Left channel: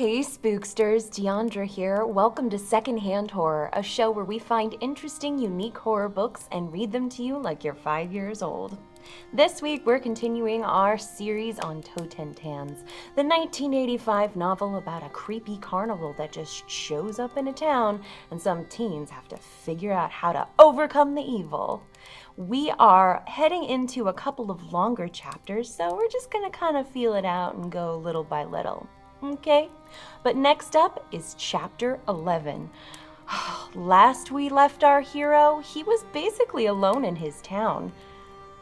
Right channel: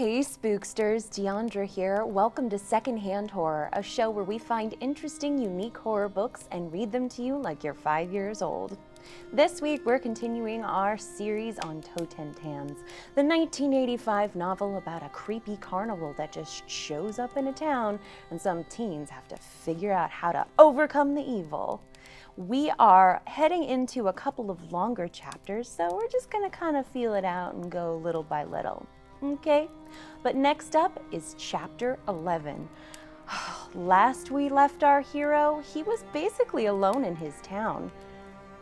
Hey spooksters, Diandra here. Welcome to Secondhand Horror, a show where we find interesting, unique horror books and read them to you like you're 5 years old. This week we're continuing our series on Totentanz, the 1985 novel about a creepy carnival that just shows up in a town and some teens have to figure out how to overcome the evil. We are heading into a couple of longer chapters, so we're just gonna kind of feel it out and go little by little. Okay, but next up is chapter 11. Last we left our hero, he was basically alone in his town.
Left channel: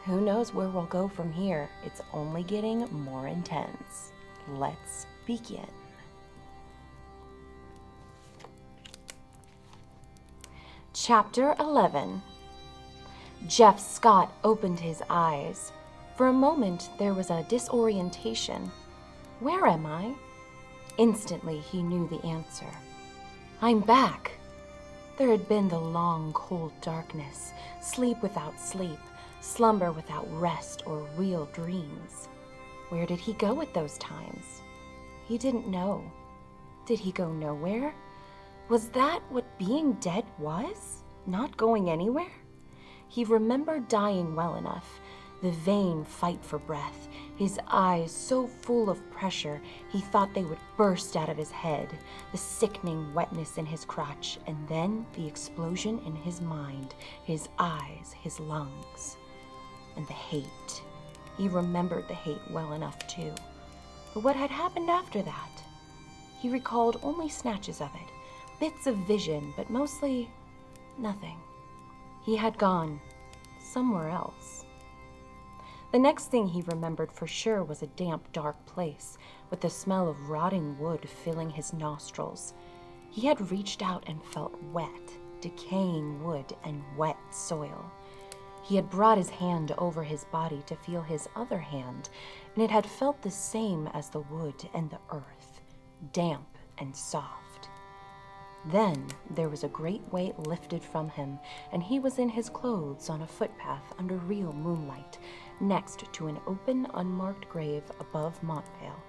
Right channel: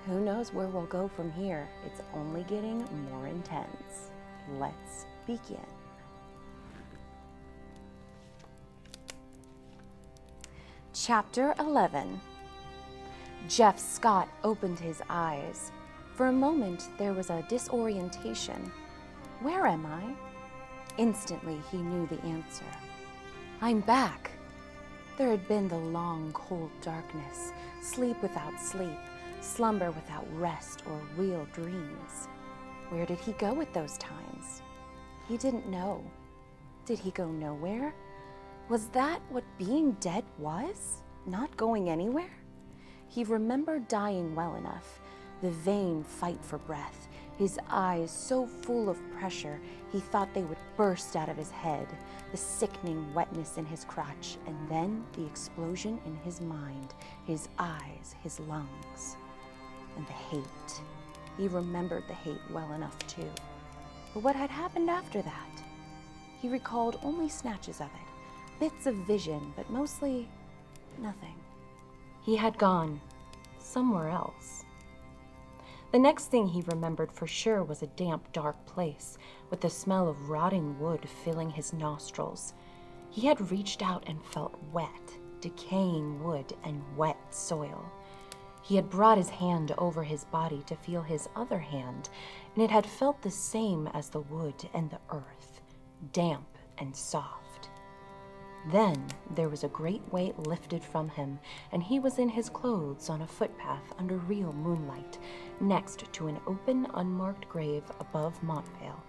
Who knows where we'll go from here? It's only getting more intense. Let's begin. Chapter 11. Jeff Scott opened his eyes. For a moment, there was a disorientation. Where am I? Instantly, he knew the answer. I'm back. There had been the long, cold darkness, sleep without sleep, slumber without rest or real dreams. Where did he go at those times? He didn't know. Did he go nowhere? Was that what being dead was? Not going anywhere? He remembered dying well enough, the vain fight for breath, his eyes so full of pressure he thought they would burst out of his head, the sickening wetness in his crotch, and then the explosion in his mind, his eyes, his lungs. And the hate. He remembered the hate well enough too. But what had happened after that? He recalled only snatches of it, bits of vision, but mostly nothing. He had gone somewhere else. The next thing he remembered for sure was a damp, dark place, with the smell of rotting wood filling his nostrils. He had reached out and felt wet, decaying wood and wet soil. He had brought his hand over his body to feel his other hand, and it had felt the same as the wood and the earth, damp and soft. Then there was a great weight lifted from him, and he was in his clothes on a footpath under real moonlight, next to an open, unmarked grave above Montvale.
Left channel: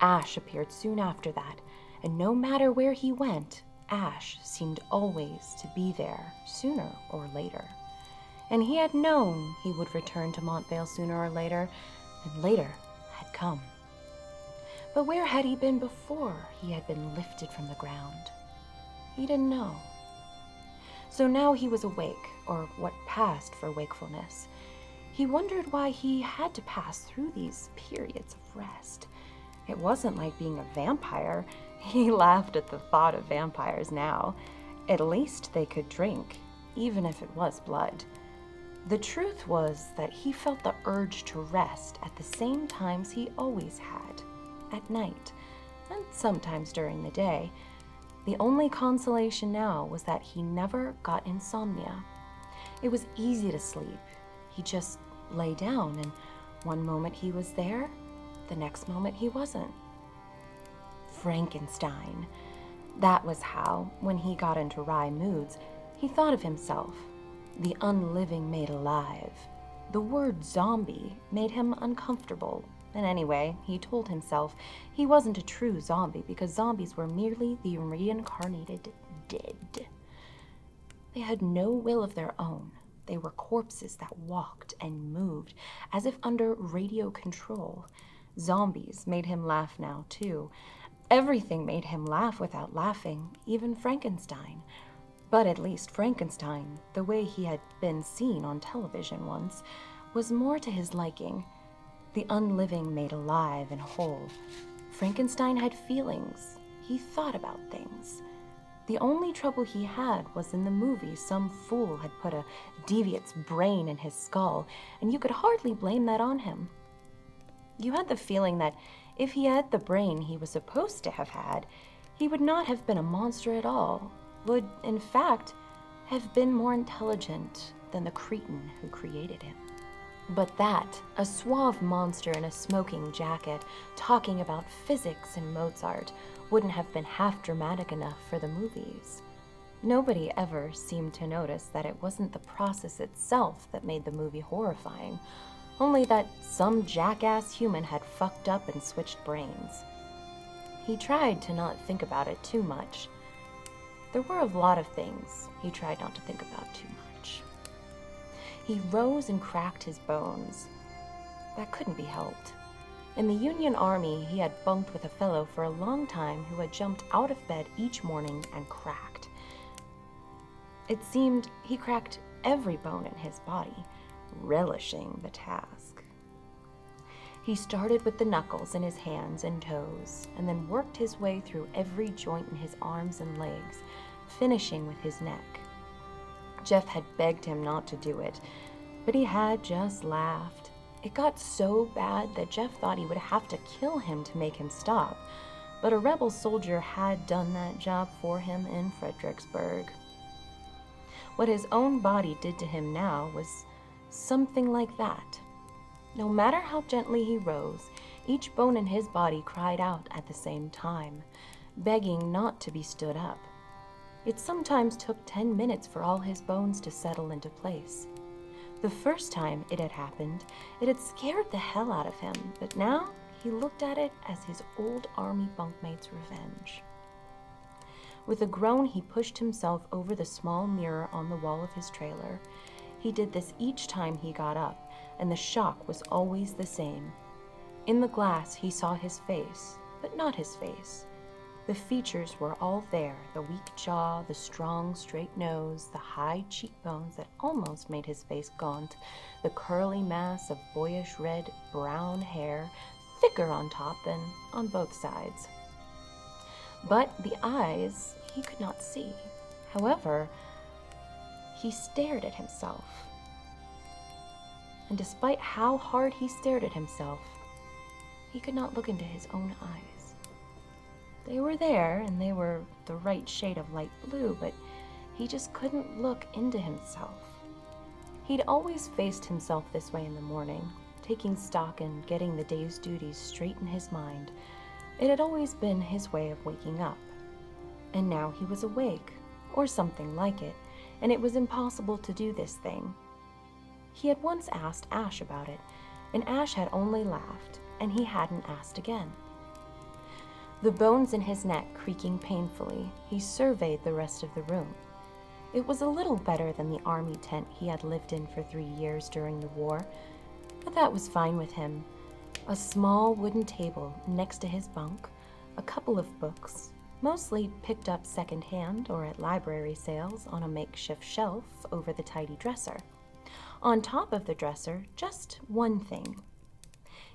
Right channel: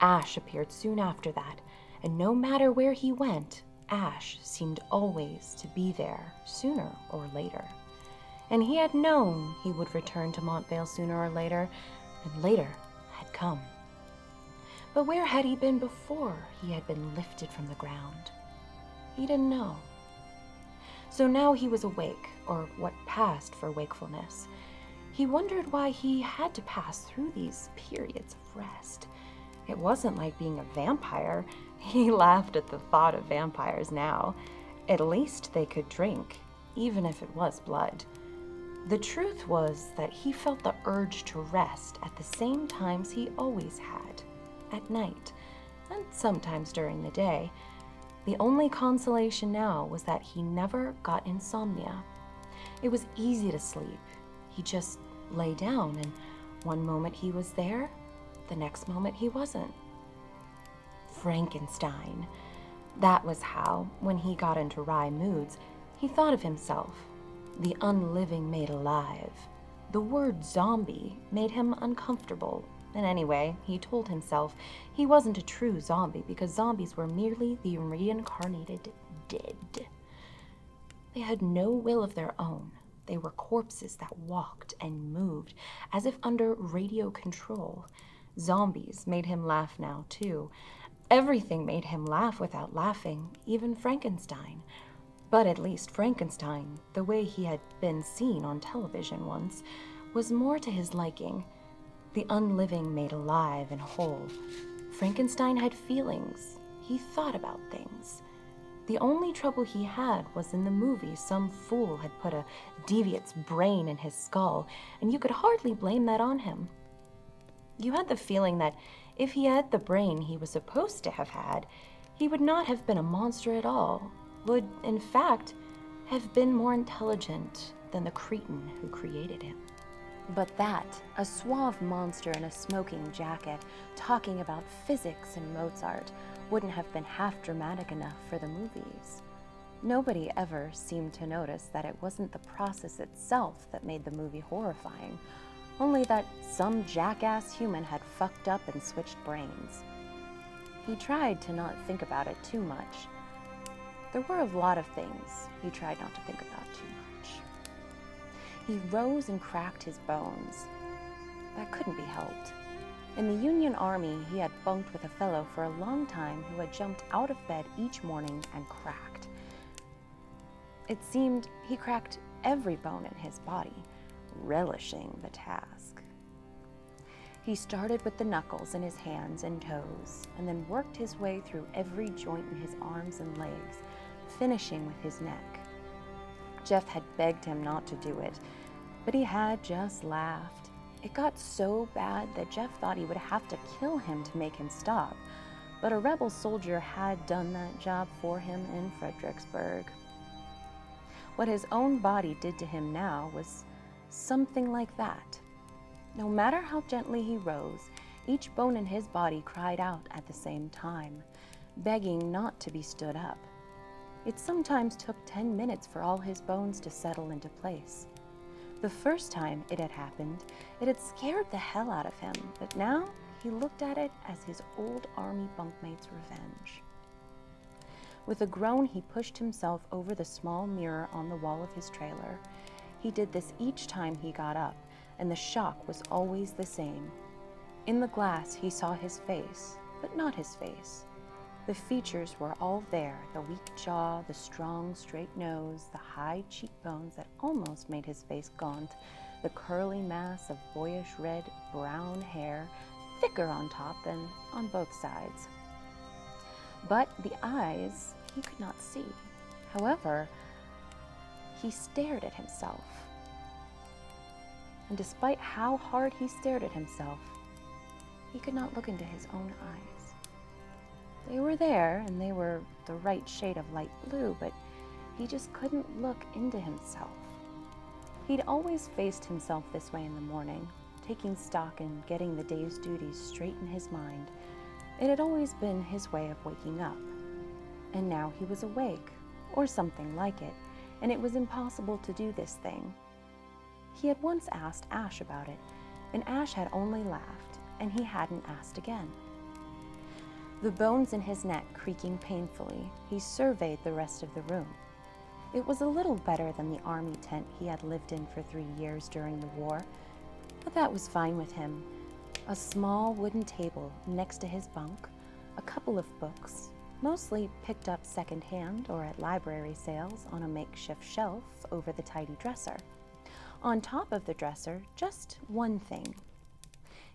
Ash appeared soon after that, and no matter where he went, Ash seemed always to be there, sooner or later. And he had known he would return to Montvale sooner or later, and later had come. But where had he been before he had been lifted from the ground? He didn't know. So now he was awake, or what passed for wakefulness. He wondered why he had to pass through these periods of rest. It wasn't like being a vampire. He laughed at the thought of vampires now. At least they could drink, even if it was blood. The truth was that he felt the urge to rest at the same times he always had, at night, and sometimes during the day. The only consolation now was that he never got insomnia. It was easy to sleep. He just lay down, and one moment he was there, the next moment he wasn't. Frankenstein. That was how, when he got into wry moods, he thought of himself. The unliving made alive. The word zombie made him uncomfortable. And anyway, he told himself he wasn't a true zombie because zombies were merely the reincarnated dead. They had no will of their own. They were corpses that walked and moved as if under radio control. Zombies made him laugh now, too. Everything made him laugh without laughing, even Frankenstein. But at least Frankenstein, the way he had been seen on television once, was more to his liking. The unliving made alive and whole. Frankenstein had feelings. He thought about things. The only trouble he had was in the movie some fool had put a deviant's brain in his skull, and you could hardly blame that on him. You had the feeling that if he had the brain he was supposed to have had, he would not have been a monster at all, would, in fact, have been more intelligent than the cretin who created him. But that, a suave monster in a smoking jacket, talking about physics and Mozart, wouldn't have been half dramatic enough for the movies. Nobody ever seemed to notice that it wasn't the process itself that made the movie horrifying, only that some jackass human had fucked up and switched brains. He tried to not think about it too much. There were a lot of things he tried not to think about too much. He rose and cracked his bones. That couldn't be helped. In the Union Army, he had bunked with a fellow for a long time who had jumped out of bed each morning and cracked. It seemed he cracked every bone in his body, relishing the task. He started with the knuckles in his hands and toes, and then worked his way through every joint in his arms and legs, finishing with his neck. Jeff had begged him not to do it, but he had just laughed. It got so bad that Jeff thought he would have to kill him to make him stop, but a rebel soldier had done that job for him in Fredericksburg. What his own body did to him now was something like that. No matter how gently he rose, each bone in his body cried out at the same time, begging not to be stood up. It sometimes took 10 minutes for all his bones to settle into place. The first time it had happened, it had scared the hell out of him, but now he looked at it as his old army bunkmate's revenge. With a groan, he pushed himself over the small mirror on the wall of his trailer. He did this each time he got up, and the shock was always the same. In the glass, he saw his face, but not his face. The features were all there, the weak jaw, the strong, straight nose, the high cheekbones that almost made his face gaunt, the curly mass of boyish red, brown hair, thicker on top than on both sides. But the eyes he could not see. However, he stared at himself. And despite how hard he stared at himself, he could not look into his own eyes. They were there, and they were the right shade of light blue, but he just couldn't look into himself. He'd always faced himself this way in the morning, taking stock and getting the day's duties straight in his mind. It had always been his way of waking up. And now he was awake, or something like it, and it was impossible to do this thing. He had once asked Ash about it, and Ash had only laughed, and he hadn't asked again. The bones in his neck creaking painfully, he surveyed the rest of the room. It was a little better than the army tent he had lived in for 3 years during the war, but that was fine with him. A small wooden table next to his bunk, a couple of books, mostly picked up secondhand or at library sales on a makeshift shelf over the tidy dresser. On top of the dresser, just one thing.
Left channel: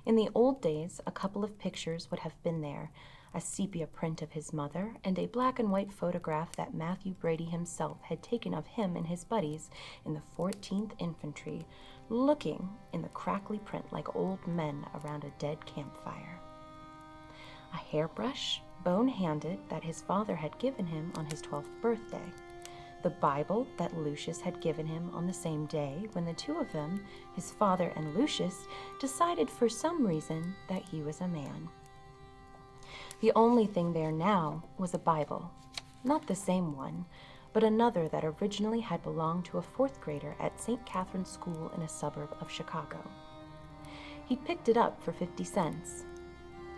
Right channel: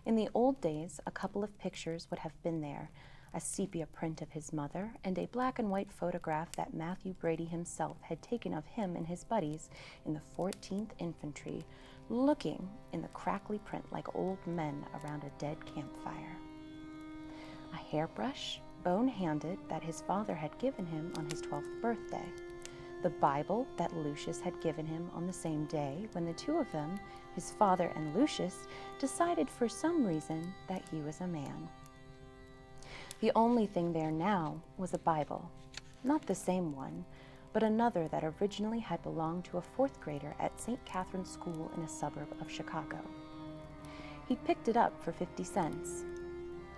In the old days, a couple of pictures would have been there, a sepia print of his mother, and a black and white photograph that Matthew Brady himself had taken of him and his buddies in the 14th Infantry, looking in the crackly print like old men around a dead campfire. A hairbrush, bone-handed, that his father had given him on his 12th birthday. The Bible that Lucius had given him on the same day when the two of them, his father and Lucius, decided for some reason that he was a man. The only thing there now was a Bible, not the same one, but another that originally had belonged to a 4th grader at St. Catherine's School in a suburb of Chicago. He picked it up for 50 cents.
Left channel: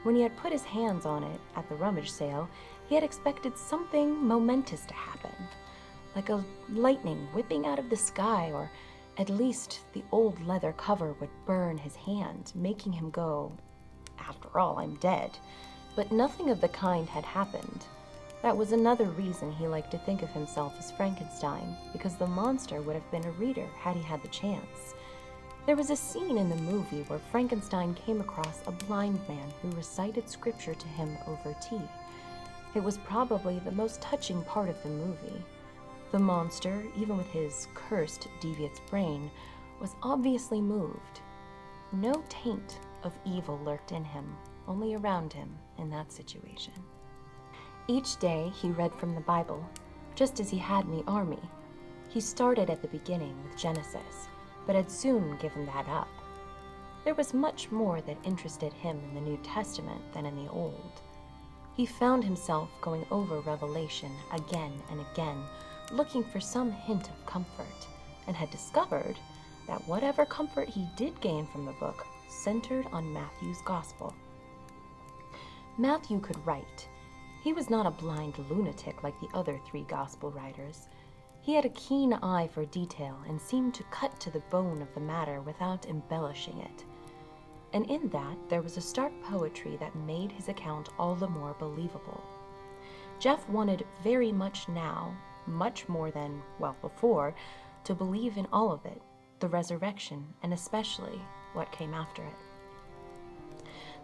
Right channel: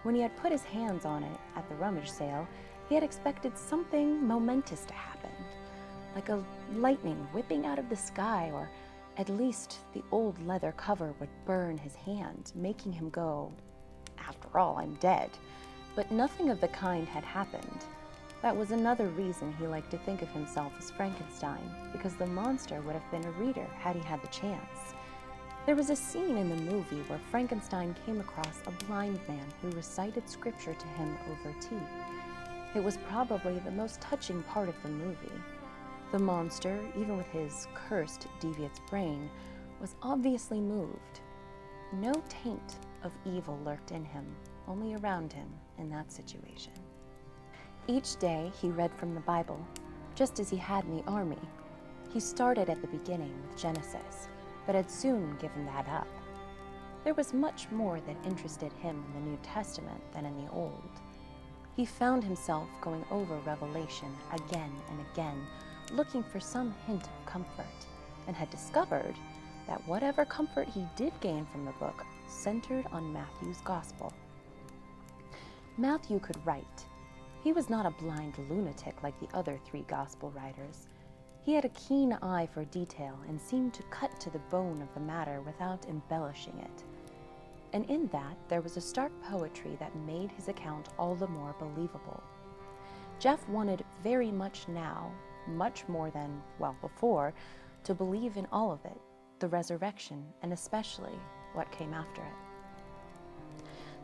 When he had put his hands on it at the rummage sale, he had expected something momentous to happen, like a lightning whipping out of the sky, or at least the old leather cover would burn his hand, making him go, "After all, I'm dead." But nothing of the kind had happened. That was another reason he liked to think of himself as Frankenstein, because the monster would have been a reader had he had the chance. There was a scene in the movie where Frankenstein came across a blind man who recited scripture to him over tea. It was probably the most touching part of the movie. The monster, even with his cursed, devious brain, was obviously moved. No taint of evil lurked in him, only around him in that situation. Each day he read from the Bible, just as he had in the army. He started at the beginning with Genesis, but had soon given that up. There was much more that interested him in the New Testament than in the Old. He found himself going over Revelation again and again, looking for some hint of comfort, and had discovered that whatever comfort he did gain from the book centered on Matthew's Gospel. Matthew could write. He was not a blind lunatic like the other 3 gospel writers. He had a keen eye for detail and seemed to cut to the bone of the matter without embellishing it. And in that, there was a stark poetry that made his account all the more believable. Jeff wanted very much now, much more than, well, before, to believe in all of it, the resurrection, and especially what came after it.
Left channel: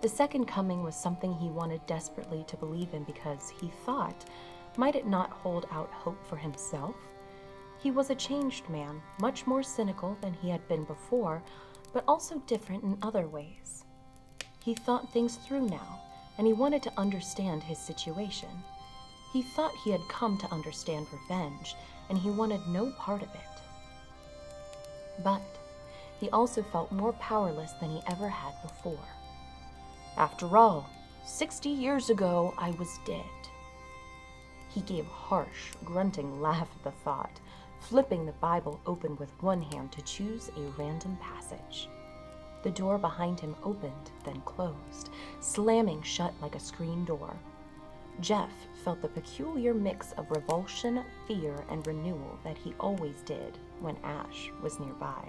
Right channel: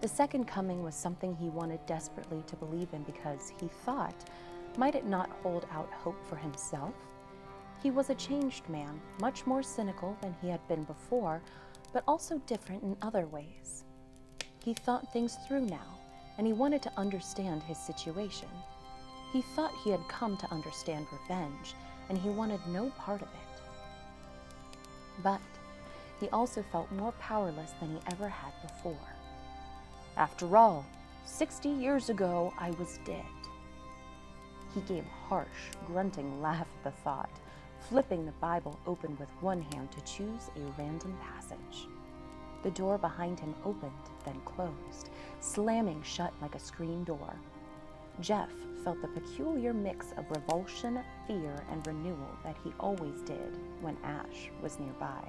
The second coming was something he wanted desperately to believe in because he thought, might it not hold out hope for himself? He was a changed man, much more cynical than he had been before, but also different in other ways. He thought things through now, and he wanted to understand his situation. He thought he had come to understand revenge, and he wanted no part of it. But he also felt more powerless than he ever had before. After all, 60 years ago, I was dead. He gave a harsh, grunting laugh at the thought, flipping the Bible open with one hand to choose a random passage. The door behind him opened, then closed, slamming shut like a screen door. Jeff felt the peculiar mix of revulsion, fear, and renewal that he always did when Ash was nearby.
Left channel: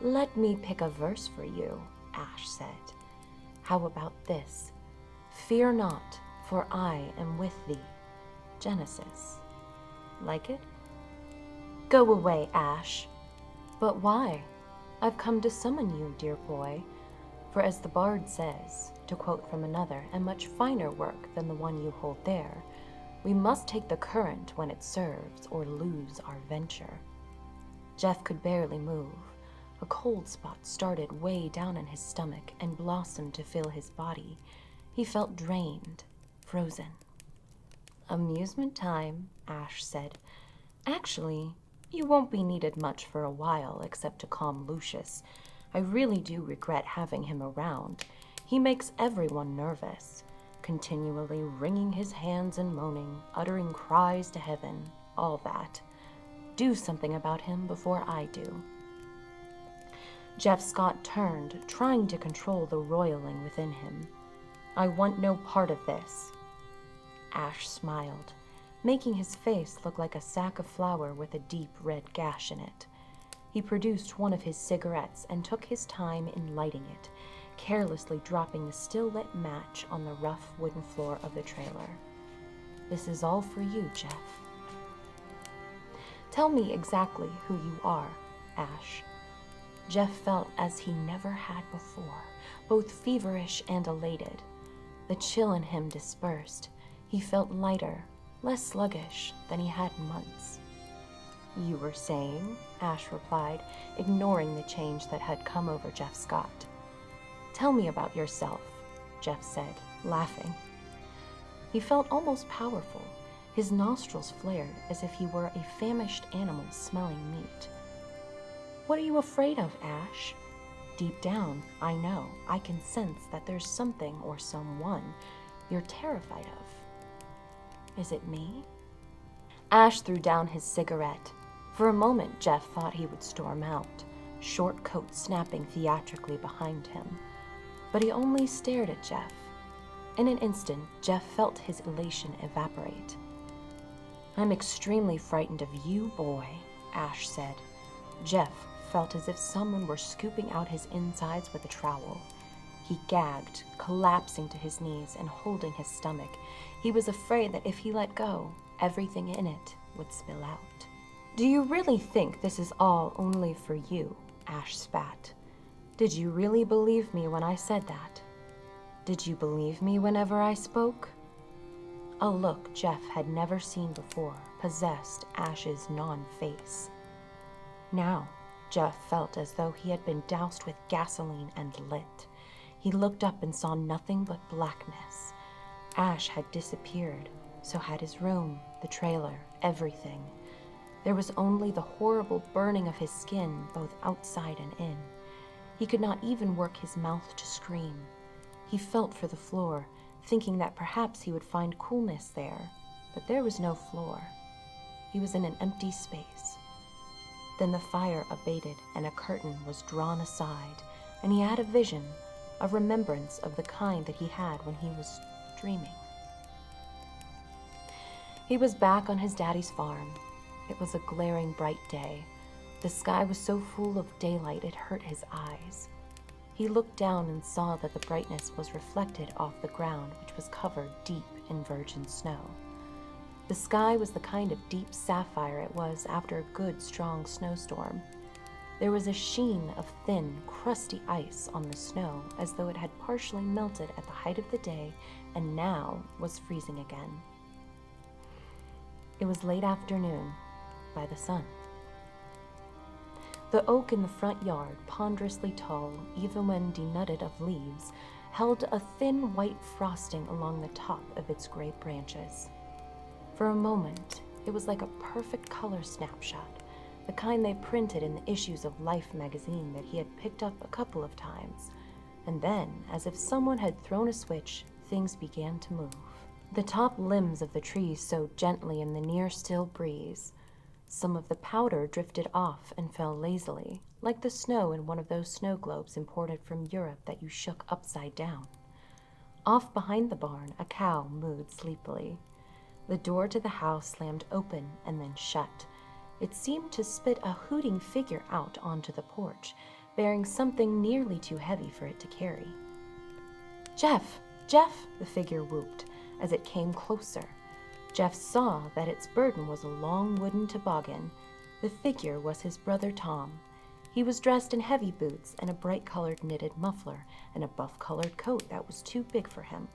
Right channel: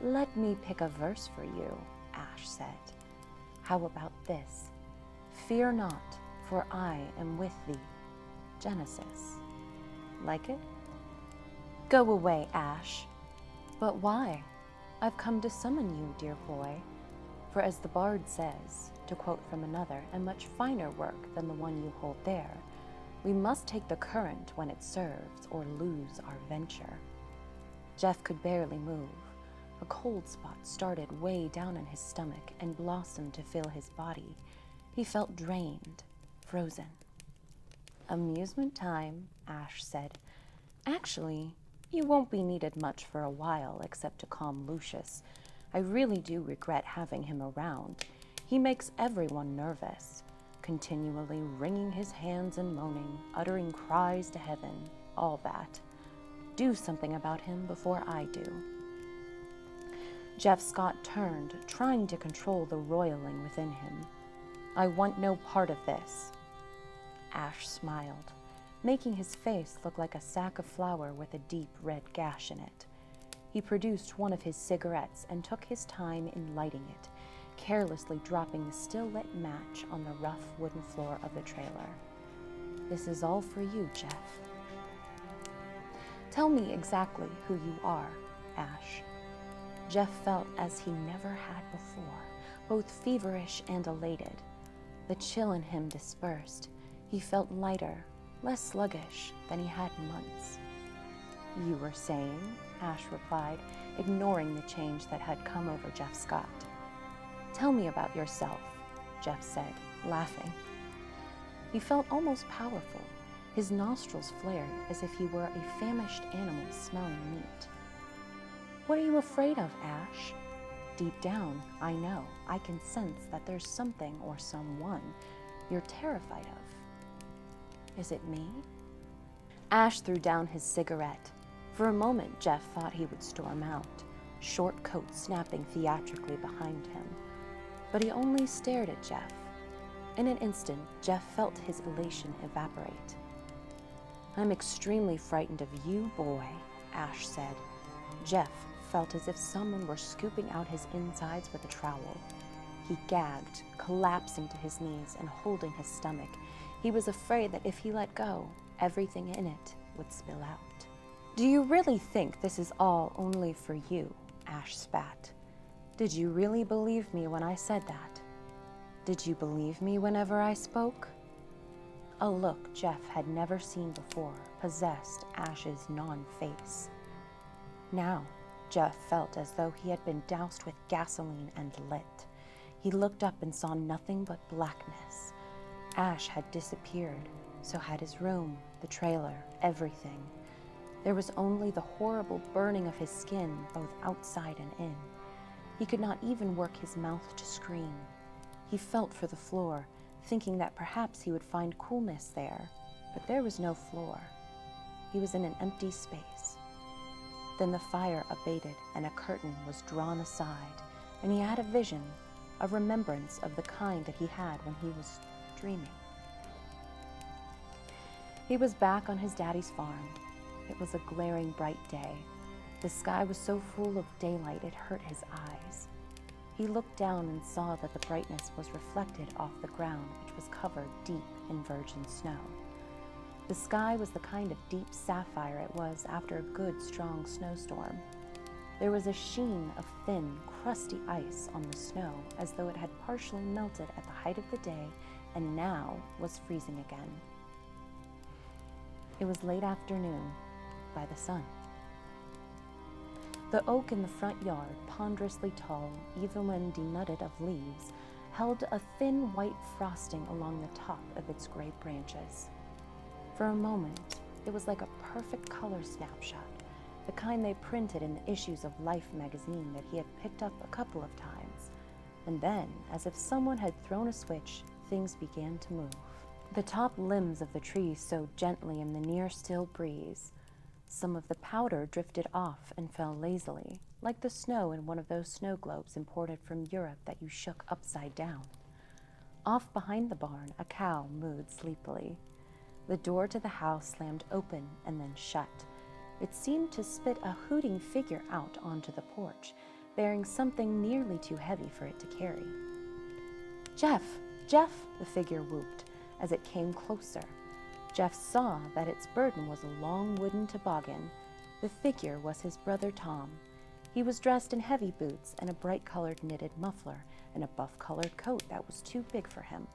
"Let me pick a verse for you," Ash said. "How about this? Fear not, for I am with thee." Genesis. Like it? "Go away, Ash." "But why? I've come to summon you, dear boy. For as the bard says, to quote from another and much finer work than the one you hold there, we must take the current when it serves or lose our venture." Jeff could barely move. A cold spot started way down in his stomach and blossomed to fill his body. He felt drained, frozen. "Amusement time," Ash said. "Actually, you won't be needed much for a while except to calm Lucius. I really do regret having him around. He makes everyone nervous, continually wringing his hands and moaning, uttering cries to heaven, all that. Do something about him before I do." Jeff Scott turned, trying to control the roiling within him. "I want no part of this." Ash smiled, making his face look like a sack of flour with a deep red gash in it. He produced one of his cigarettes and took his time in lighting it, carelessly dropping the still-lit match on the rough wooden floor of the trailer. "This is all for you, Jeff." "Tell me exactly who you are, Ash." Jeff felt as he never had before, both feverish and elated. The chill in him dispersed. He felt lighter, less sluggish than he had in months. "You were saying?" Ash replied, ignoring the change that had come over Jeff Scott. "Tell me about yourself," Jeff said, laughing. He felt almost powerful. His nostrils flared as if he were a famished animal smelling meat. "What are you afraid of, Ash?" "Deep down, I know, I can sense that there's something or someone you're terrified of." "Is it me?" Ash threw down his cigarette. For a moment, Jeff thought he would storm out, short coat snapping theatrically behind him. But he only stared at Jeff. In an instant, Jeff felt his elation evaporate. "I'm extremely frightened of you, boy," Ash said. Jeff felt as if someone were scooping out his insides with a trowel. He gagged, collapsing to his knees and holding his stomach. He was afraid that if he let go, everything in it would spill out. "Do you really think this is all only for you?" Ash spat. "Did you really believe me when I said that? Did you believe me whenever I spoke?" A look Jeff had never seen before possessed Ash's non-face. Now, Jeff felt as though he had been doused with gasoline and lit. He looked up and saw nothing but blackness. Ash had disappeared, so had his room, the trailer, everything. There was only the horrible burning of his skin, both outside and in. He could not even work his mouth to scream. He felt for the floor, thinking that perhaps he would find coolness there, but there was no floor. He was in an empty space. Then the fire abated and a curtain was drawn aside, and he had a vision, a remembrance of the kind that he had when he was dreaming. He was back on his daddy's farm. It was a glaring bright day. The sky was so full of daylight it hurt his eyes. He looked down and saw that the brightness was reflected off the ground, which was covered deep in virgin snow. The sky was the kind of deep sapphire it was after a good, strong snowstorm. There was a sheen of thin, crusty ice on the snow, as though it had partially melted at the height of the day and now was freezing again. It was late afternoon, by the sun. The oak in the front yard, ponderously tall, even when denuded of leaves, held a thin white frosting along the top of its gray branches. For a moment, it was like a perfect color snapshot, the kind they printed in the issues of Life magazine that he had picked up a couple of times. And then, as if someone had thrown a switch, things began to move. The top limbs of the trees sowed gently in the near still breeze. Some of the powder drifted off and fell lazily, like the snow in one of those snow globes imported from Europe that you shook upside down. Off behind the barn, a cow mooed sleepily. The door to the house slammed open and then shut. It seemed to spit a hooting figure out onto the porch, bearing something nearly too heavy for it to carry. "Jeff! Jeff!" the figure whooped as it came closer. Jeff saw that its burden was a long wooden toboggan. The figure was his brother Tom. He was dressed in heavy boots and a bright-colored knitted muffler and a buff-colored coat that was too big for him.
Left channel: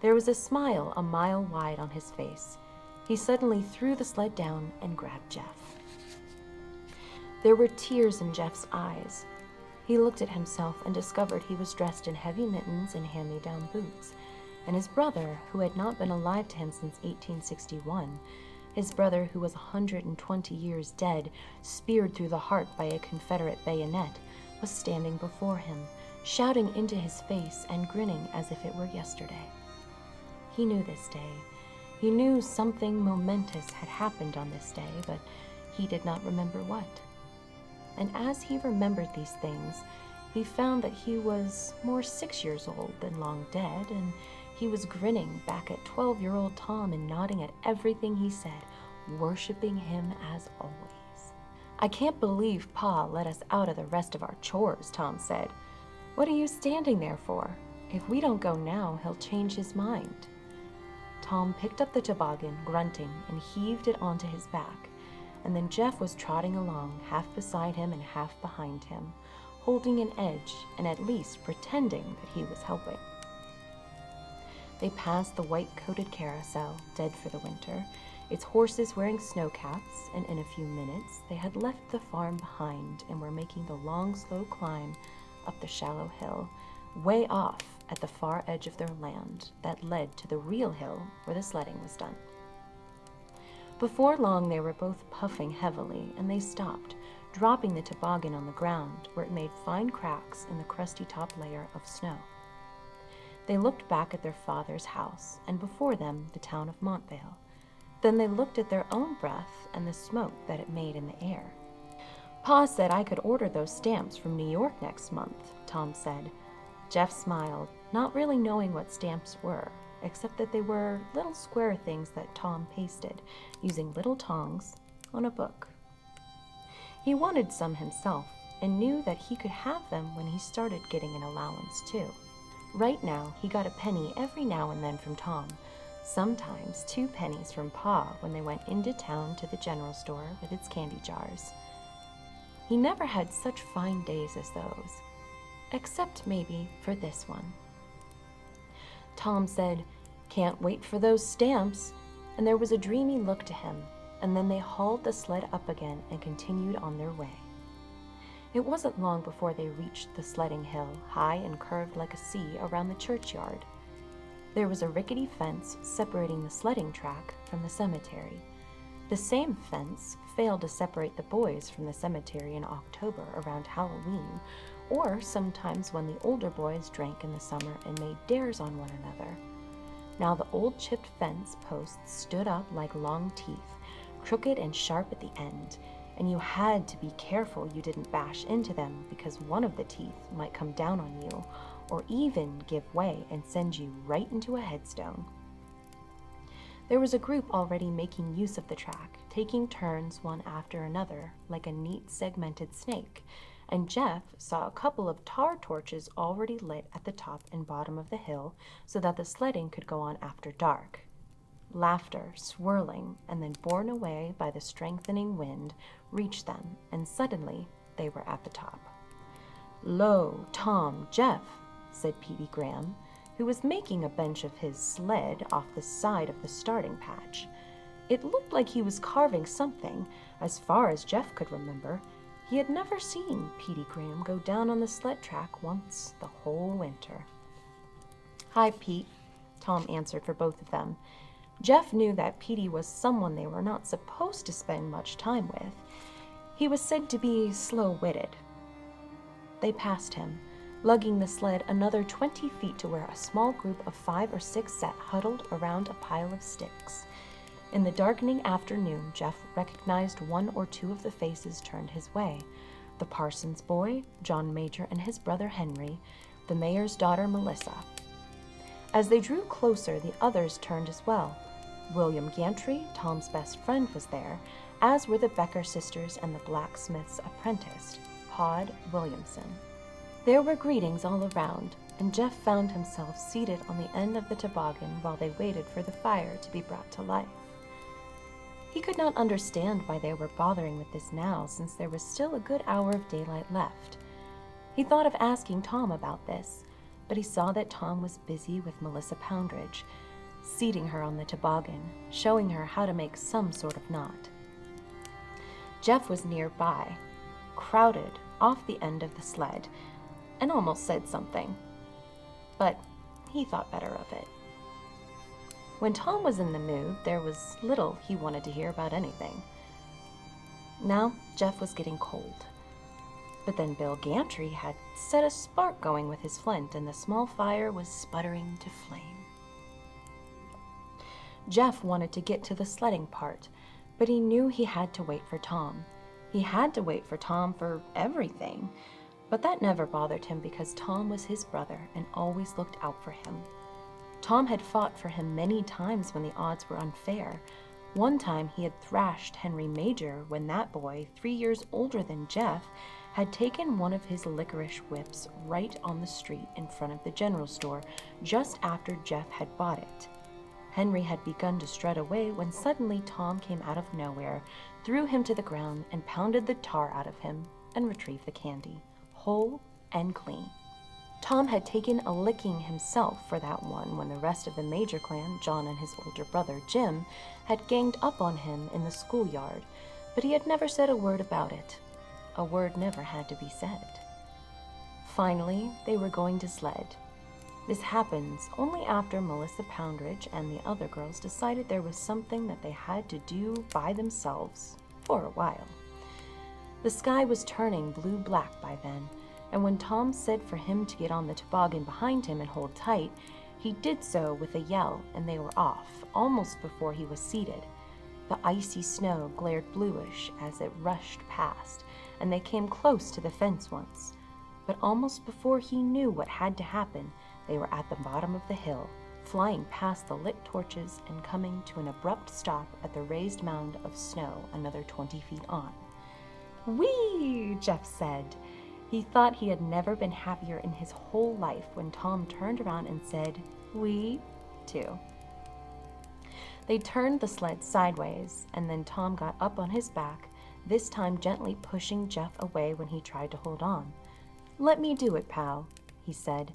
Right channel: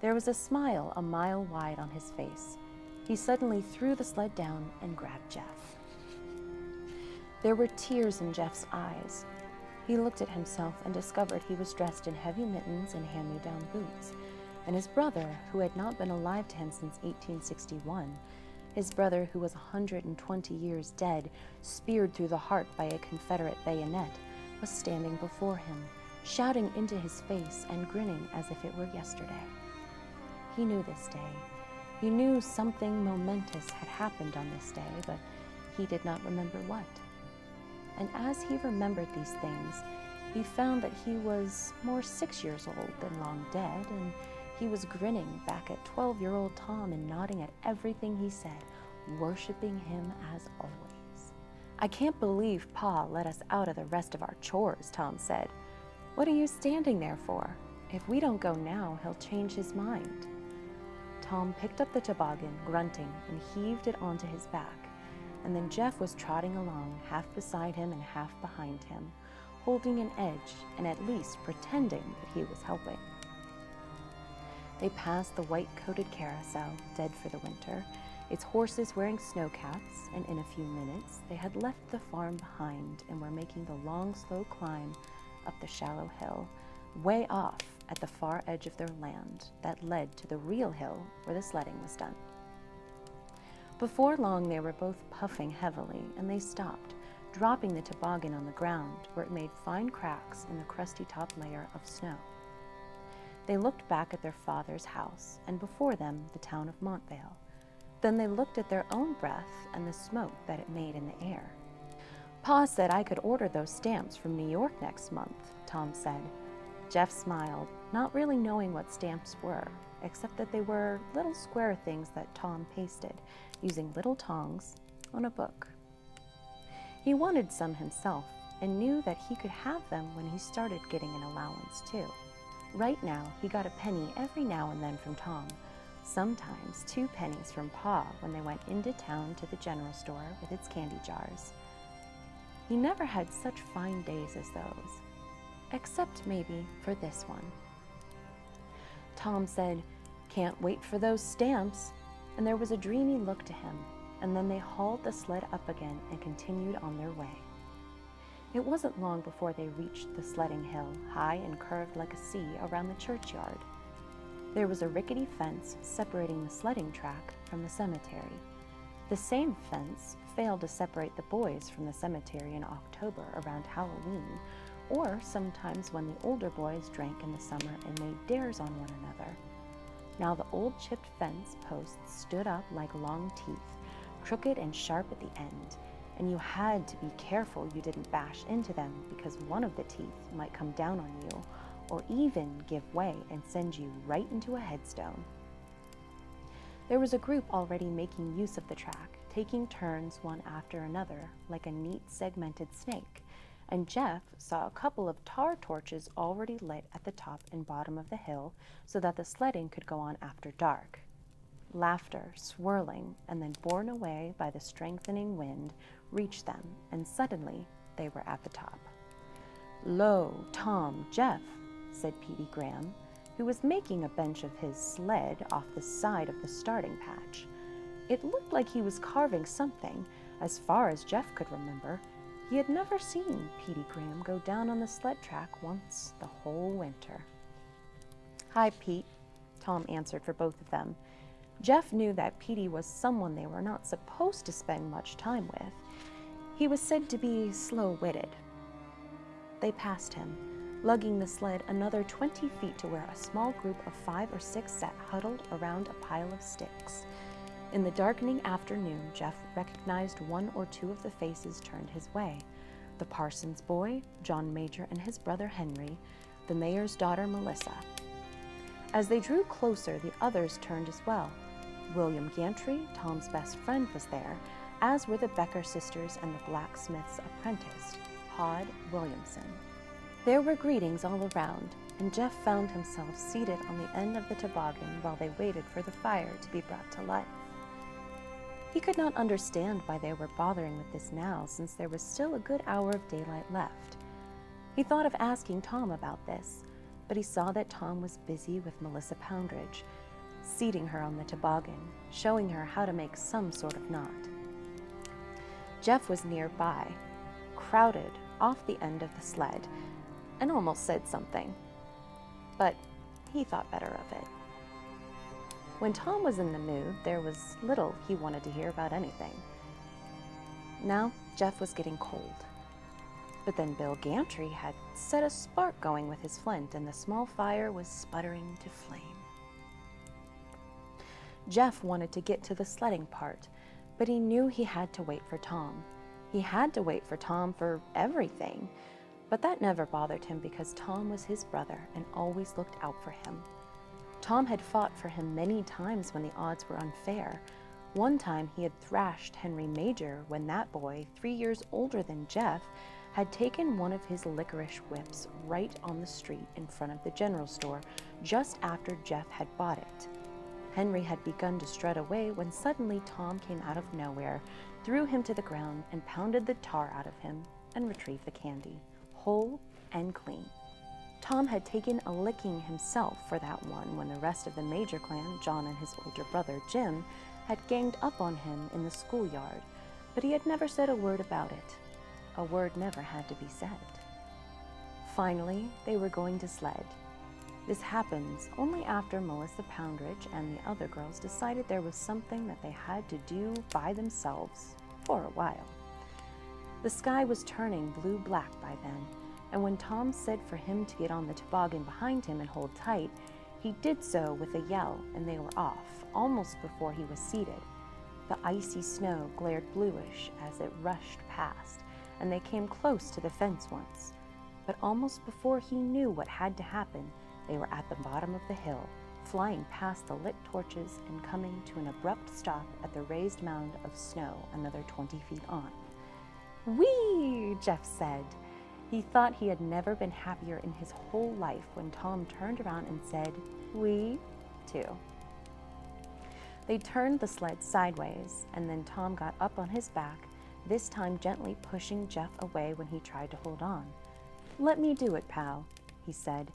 There was a smile a mile wide on his face. He suddenly threw the sled down and grabbed Jeff. There were tears in Jeff's eyes. He looked at himself and discovered he was dressed in heavy mittens and hand-me-down boots. And his brother, who had not been alive to him since 1861, his brother who was 120 years dead, speared through the heart by a Confederate bayonet, was standing before him, shouting into his face and grinning as if it were yesterday. He knew this day. He knew something momentous had happened on this day, but he did not remember what. And as he remembered these things, he found that he was more 6 years old than long dead, and he was grinning back at 12-year-old Tom and nodding at everything he said, worshiping him as always. "I can't believe Pa let us out of the rest of our chores," Tom said. "What are you standing there for? If we don't go now, he'll change his mind." Tom picked up the toboggan, grunting, and heaved it onto his back, and then Jeff was trotting along, half beside him and half behind him, holding an edge and at least pretending that he was helping. They passed the white-coated carousel, dead for the winter, its horses wearing snow caps, and in a few minutes they had left the farm behind and were making the long, slow climb up the shallow hill, way off at the far edge of their land that led to the real hill where the sledding was done. Before long they were both puffing heavily, and they stopped, dropping the toboggan on the ground where it made fine cracks in the crusty top layer of snow. They looked back at their father's house, and before them the town of Montvale. Then they looked at their own breath and the smoke that it made in the air. "Pa said I could order those stamps from New York next month," Tom said. Jeff smiled, not really knowing what stamps were, except that they were little square things that Tom pasted, using little tongs, on a book. He wanted some himself, and knew that he could have them when he started getting an allowance too. Right now, he got a penny every now and then from Tom, sometimes 2 pennies from Pa when they went into town to the general store with its candy jars. He never had such fine days as those, except maybe for this one. Tom said, "Can't wait for those stamps," and there was a dreamy look to him, and then they hauled the sled up again and continued on their way. It wasn't long before they reached the sledding hill, high and curved like a C around the churchyard. There was a rickety fence separating the sledding track from the cemetery. The same fence failed to separate the boys from the cemetery in October around Halloween, or sometimes when the older boys drank in the summer and made dares on one another. Now the old chipped fence posts stood up like long teeth, crooked and sharp at the end, and you had to be careful you didn't bash into them because one of the teeth might come down on you, or even give way and send you right into a headstone. There was a group already making use of the track, taking turns one after another, like a neat segmented snake, and Jeff saw a couple of tar torches already lit at the top and bottom of the hill so that the sledding could go on after dark. Laughter, swirling, and then borne away by the strengthening wind, reached them, and suddenly they were at the top. "Lo, Tom, Jeff," said Petey Graham, who was making a bench of his sled off the side of the starting patch. It looked like he was carving something. As far as Jeff could remember, he had never seen Petey Graham go down on the sled track once the whole winter. "Hi, Pete," Tom answered for both of them. Jeff knew that Petey was someone they were not supposed to spend much time with. He was said to be slow-witted. They passed him, lugging the sled another 20 feet to where a small group of 5 or 6 sat huddled around a pile of sticks. In the darkening afternoon, Jeff recognized 1 or 2 of the faces turned his way. The parson's boy, John Major, and his brother Henry, the mayor's daughter Melissa. As they drew closer, the others turned as well. William Gantry, Tom's best friend, was there, as were the Becker sisters and the blacksmith's apprentice, Pod Williamson. There were greetings all around, and Jeff found himself seated on the end of the toboggan while they waited for the fire to be brought to life. He could not understand why they were bothering with this now, since there was still a good hour of daylight left. He thought of asking Tom about this, but he saw that Tom was busy with Melissa Poundridge, seating her on the toboggan, showing her how to make some sort of knot. Jeff was nearby, crowded off the end of the sled, and almost said something, but he thought better of it. When Tom was in the mood, there was little he wanted to hear about anything. Now, Jeff was getting cold. But then Bill Gantry had set a spark going with his flint, and the small fire was sputtering to flame. Jeff wanted to get to the sledding part, but he knew he had to wait for Tom. He had to wait for Tom for everything, but that never bothered him because Tom was his brother and always looked out for him. Tom had fought for him many times when the odds were unfair. One time he had thrashed Henry Major when that boy, 3 years older than Jeff, had taken one of his licorice whips right on the street in front of the general store just after Jeff had bought it. Henry had begun to strut away when suddenly Tom came out of nowhere, threw him to the ground, and pounded the tar out of him and retrieved the candy, whole and clean. Tom had taken a licking himself for that one when the rest of the Major clan, John and his older brother Jim, had ganged up on him in the schoolyard, but he had never said a word about it. A word never had to be said. Finally, they were going to sled. This happens only after Melissa Poundridge and the other girls decided there was something that they had to do by themselves for a while. The sky was turning blue-black by then, and when Tom said for him to get on the toboggan behind him and hold tight, he did so with a yell, and they were off, almost before he was seated. The icy snow glared bluish as it rushed past, and they came close to the fence once. But almost before he knew what had to happen, they were at the bottom of the hill, flying past the lit torches and coming to an abrupt stop at the raised mound of snow another 20 feet on. "Whee!" Jeff said. He thought he had never been happier in his whole life when Tom turned around and said, "Wee," too. They turned the sled sideways, and then Tom got up on his back, this time gently pushing Jeff away when he tried to hold on. "Let me do it, pal," he said,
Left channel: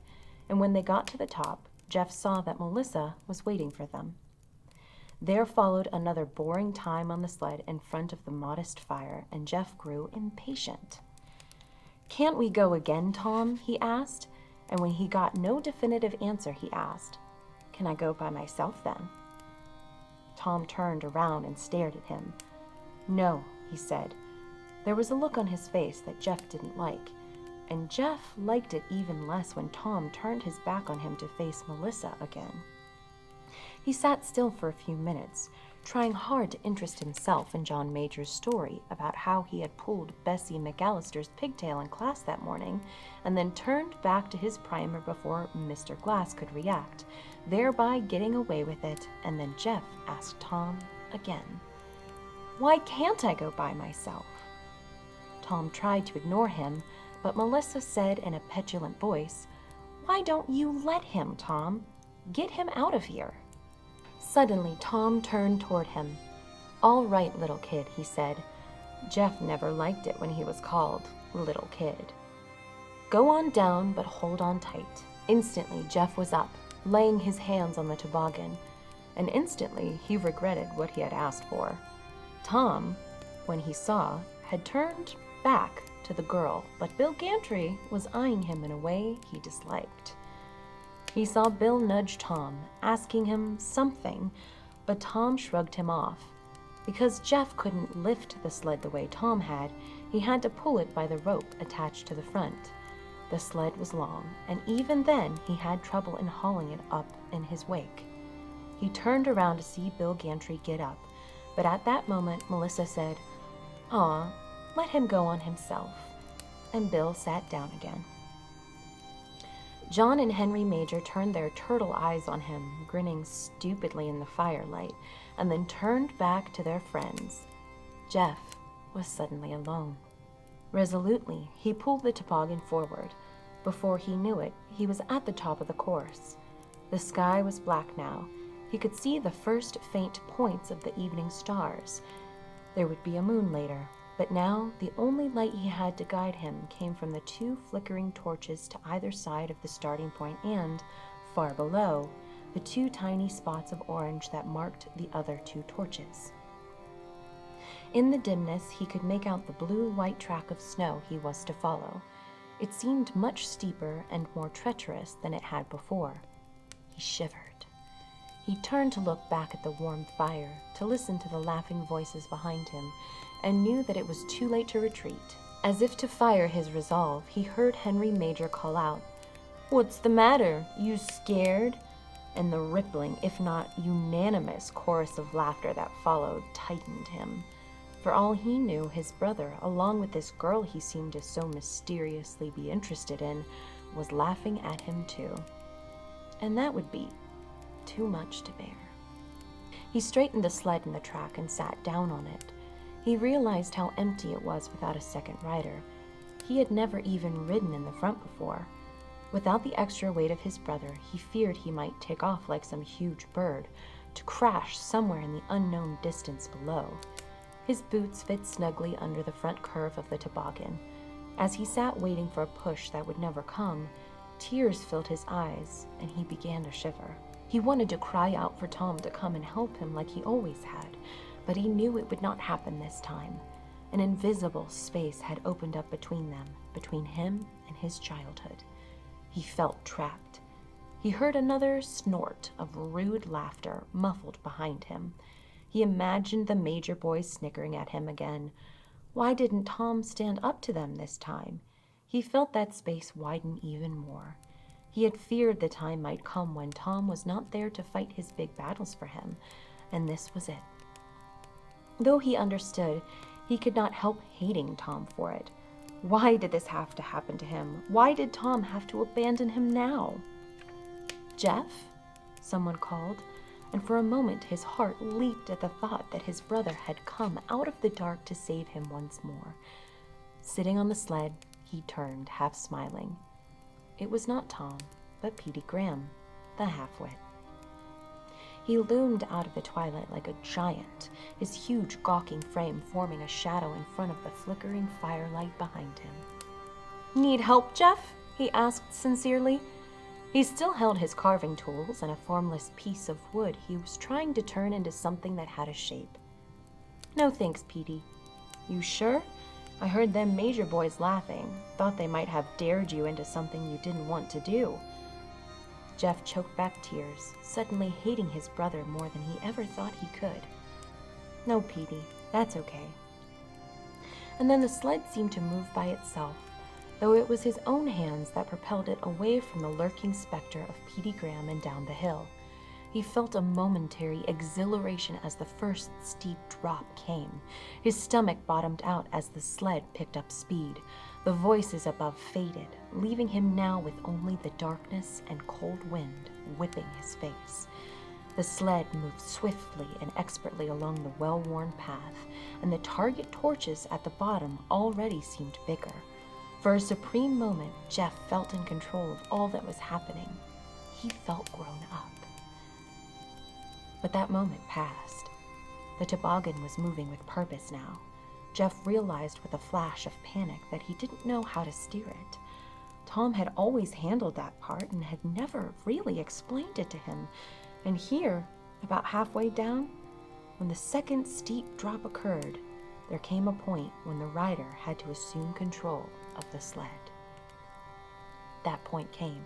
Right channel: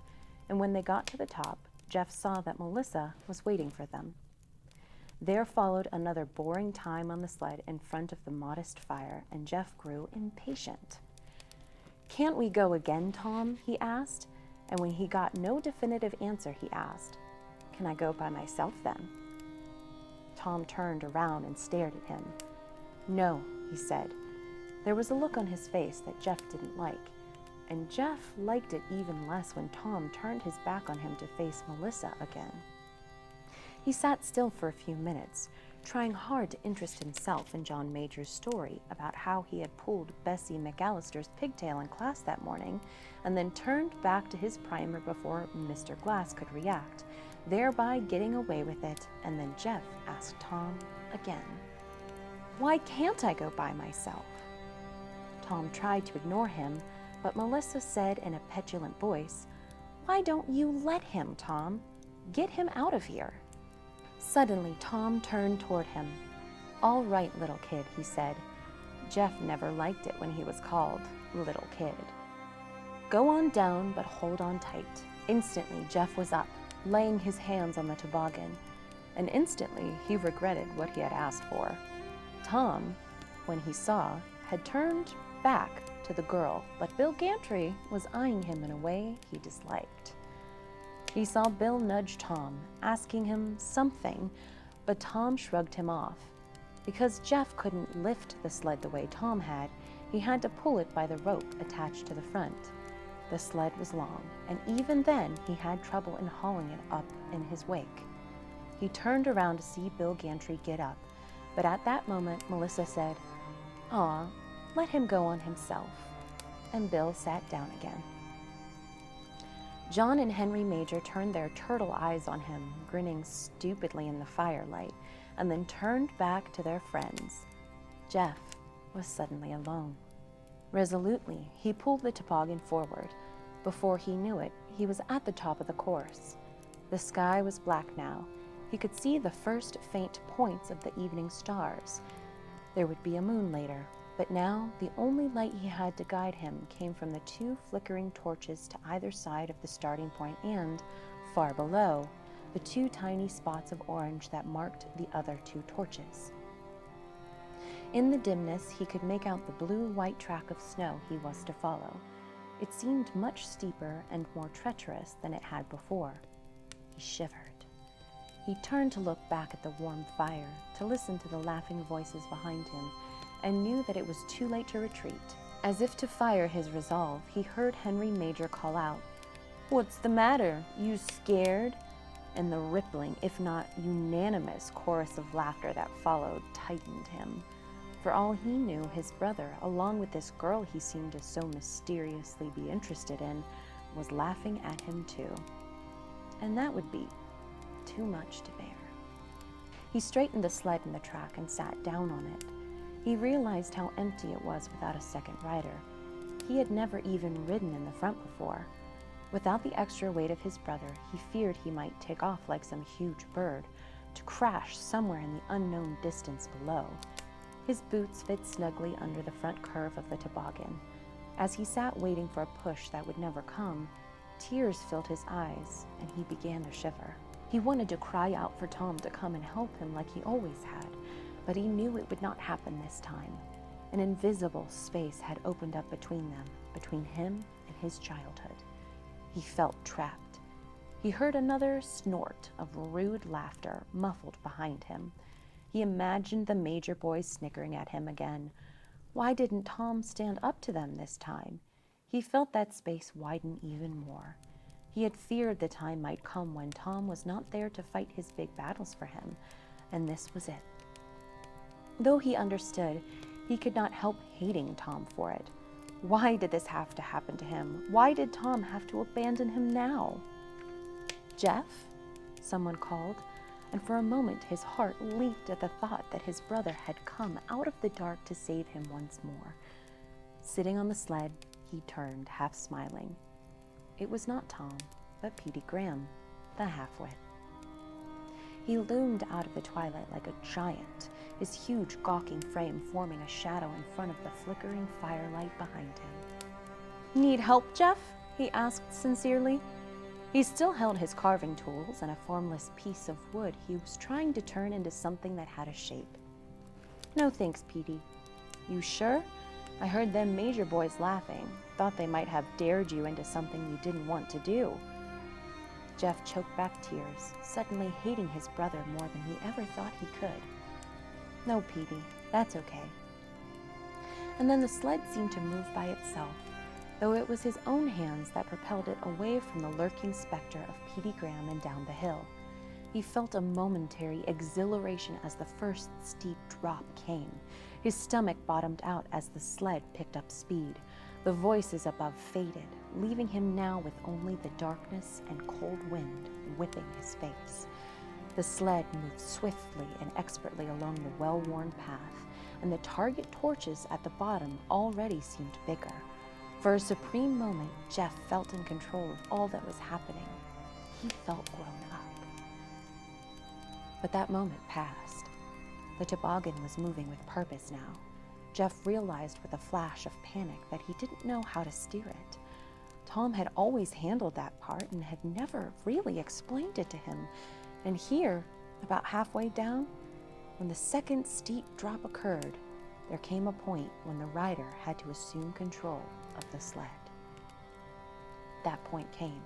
and when they got to the top, Jeff saw that Melissa was waiting for them. There followed another boring time on the sled in front of the modest fire, and Jeff grew impatient. "Can't we go again, Tom?" he asked, and when he got no definitive answer, he asked, "Can I go by myself then?" Tom turned around and stared at him. "No," he said. There was a look on his face that Jeff didn't like, and Jeff liked it even less when Tom turned his back on him to face Melissa again. He sat still for a few minutes, trying hard to interest himself in John Major's story about how he had pulled Bessie McAllister's pigtail in class that morning, and then turned back to his primer before Mr. Glass could react, thereby getting away with it. And then Jeff asked Tom again, "Why can't I go by myself?" Tom tried to ignore him, but Melissa said in a petulant voice, "Why don't you let him, Tom? Get him out of here." Suddenly, Tom turned toward him. "All right, little kid," he said. Jeff never liked it when he was called little kid. "Go on down, but hold on tight." Instantly, Jeff was up, laying his hands on the toboggan, and instantly he regretted what he had asked for. Tom, when he saw, had turned back to the girl, but Bill Gantry was eyeing him in a way he disliked. He saw Bill nudge Tom, asking him something, but Tom shrugged him off. Because Jeff couldn't lift the sled the way Tom had, he had to pull it by the rope attached to the front. The sled was long, and even then he had trouble in hauling it up in his wake. He turned around to see Bill Gantry get up, but at that moment Melissa said, "Aw, let him go on himself," and Bill sat down again. John and Henry Major turned their turtle eyes on him, grinning stupidly in the firelight, and then turned back to their friends. Jeff was suddenly alone. Resolutely, he pulled the toboggan forward. Before he knew it, he was at the top of the course. The sky was black now. He could see the first faint points of the evening stars. There would be a moon later, but now the only light he had to guide him came from the two flickering torches to either side of the starting point and, far below, the two tiny spots of orange that marked the other two torches. In the dimness, he could make out the blue-white track of snow he was to follow. It seemed much steeper and more treacherous than it had before. He shivered. He turned to look back at the warm fire, to listen to the laughing voices behind him, and knew that it was too late to retreat. As if to fire his resolve, he heard Henry Major call out, "What's the matter? You scared?" And the rippling, if not unanimous, chorus of laughter that followed tightened him. For all he knew, his brother, along with this girl he seemed to so mysteriously be interested in, was laughing at him too. And that would be too much to bear. He straightened the sled in the track and sat down on it. He realized how empty it was without a second rider. He had never even ridden in the front before. Without the extra weight of his brother, he feared he might take off like some huge bird, to crash somewhere in the unknown distance below. His boots fit snugly under the front curve of the toboggan. As he sat waiting for a push that would never come, tears filled his eyes, and he began to shiver. He wanted to cry out for Tom to come and help him like he always had, but he knew it would not happen this time. An invisible space had opened up between them, between him and his childhood. He felt trapped. He heard another snort of rude laughter muffled behind him. He imagined the Major boys snickering at him again. Why didn't Tom stand up to them this time? He felt that space widen even more. He had feared the time might come when Tom was not there to fight his big battles for him, and this was it. Though he understood, he could not help hating Tom for it. Why did this have to happen to him? Why did Tom have to abandon him now? "Jeff?" someone called, and for a moment his heart leaped at the thought that his brother had come out of the dark to save him once more. Sitting on the sled, he turned, half smiling. It was not Tom, but Petey Graham, the half-wit. He loomed out of the twilight like a giant, his huge gawking frame forming a shadow in front of the flickering firelight behind him. "Need help, Jeff?" he asked sincerely. He still held his carving tools and a formless piece of wood he was trying to turn into something that had a shape. "No thanks, Petey." "You sure? I heard them Major boys laughing. Thought they might have dared you into something you didn't want to do." Jeff choked back tears, suddenly hating his brother more than he ever thought he could. "No, Petey, that's okay." And then the sled seemed to move by itself, though it was his own hands that propelled it away from the lurking specter of Petey Graham and down the hill. He felt a momentary exhilaration as the first steep drop came. His stomach bottomed out as the sled picked up speed. The voices above faded, leaving him now with only the darkness and cold wind whipping his face. The sled moved swiftly and expertly along the well-worn path, and the target torches at the bottom already seemed bigger. For a supreme moment, Jeff felt in control of all that was happening. He felt grown up. But that moment passed. The toboggan was moving with purpose now. Jeff realized with a flash of panic that he didn't know how to steer it. Tom had always handled that part and had never really explained it to him. And here, about halfway down, when the second steep drop occurred, there came a point when the rider had to assume control of the sled. That point came,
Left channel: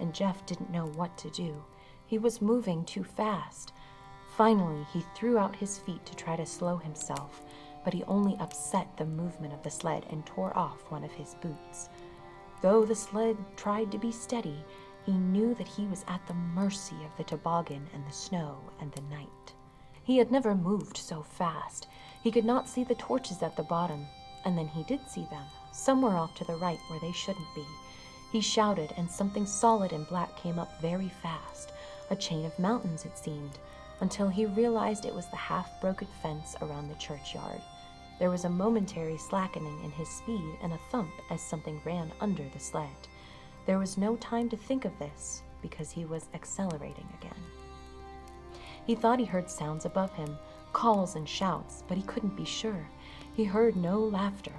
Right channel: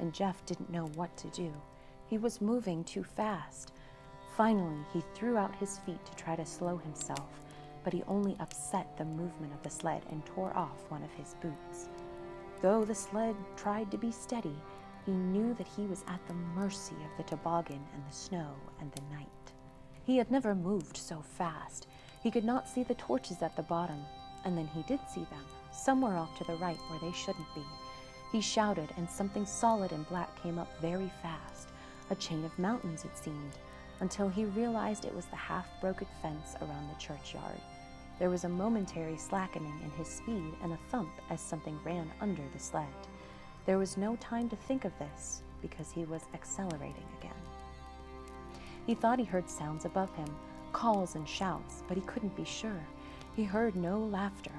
and Jeff didn't know what to do. He was moving too fast. Finally, he threw out his feet to try to slow himself, but he only upset the movement of the sled and tore off one of his boots. Though the sled tried to be steady, he knew that he was at the mercy of the toboggan and the snow and the night. He had never moved so fast. He could not see the torches at the bottom, and then he did see them, somewhere off to the right where they shouldn't be. He shouted, and something solid and black came up very fast, a chain of mountains it seemed, until he realized it was the half-broken fence around the churchyard. There was a momentary slackening in his speed and a thump as something ran under the sled. There was no time to think of this, because he was accelerating again. He thought he heard sounds above him, calls and shouts, but he couldn't be sure. He heard no laughter.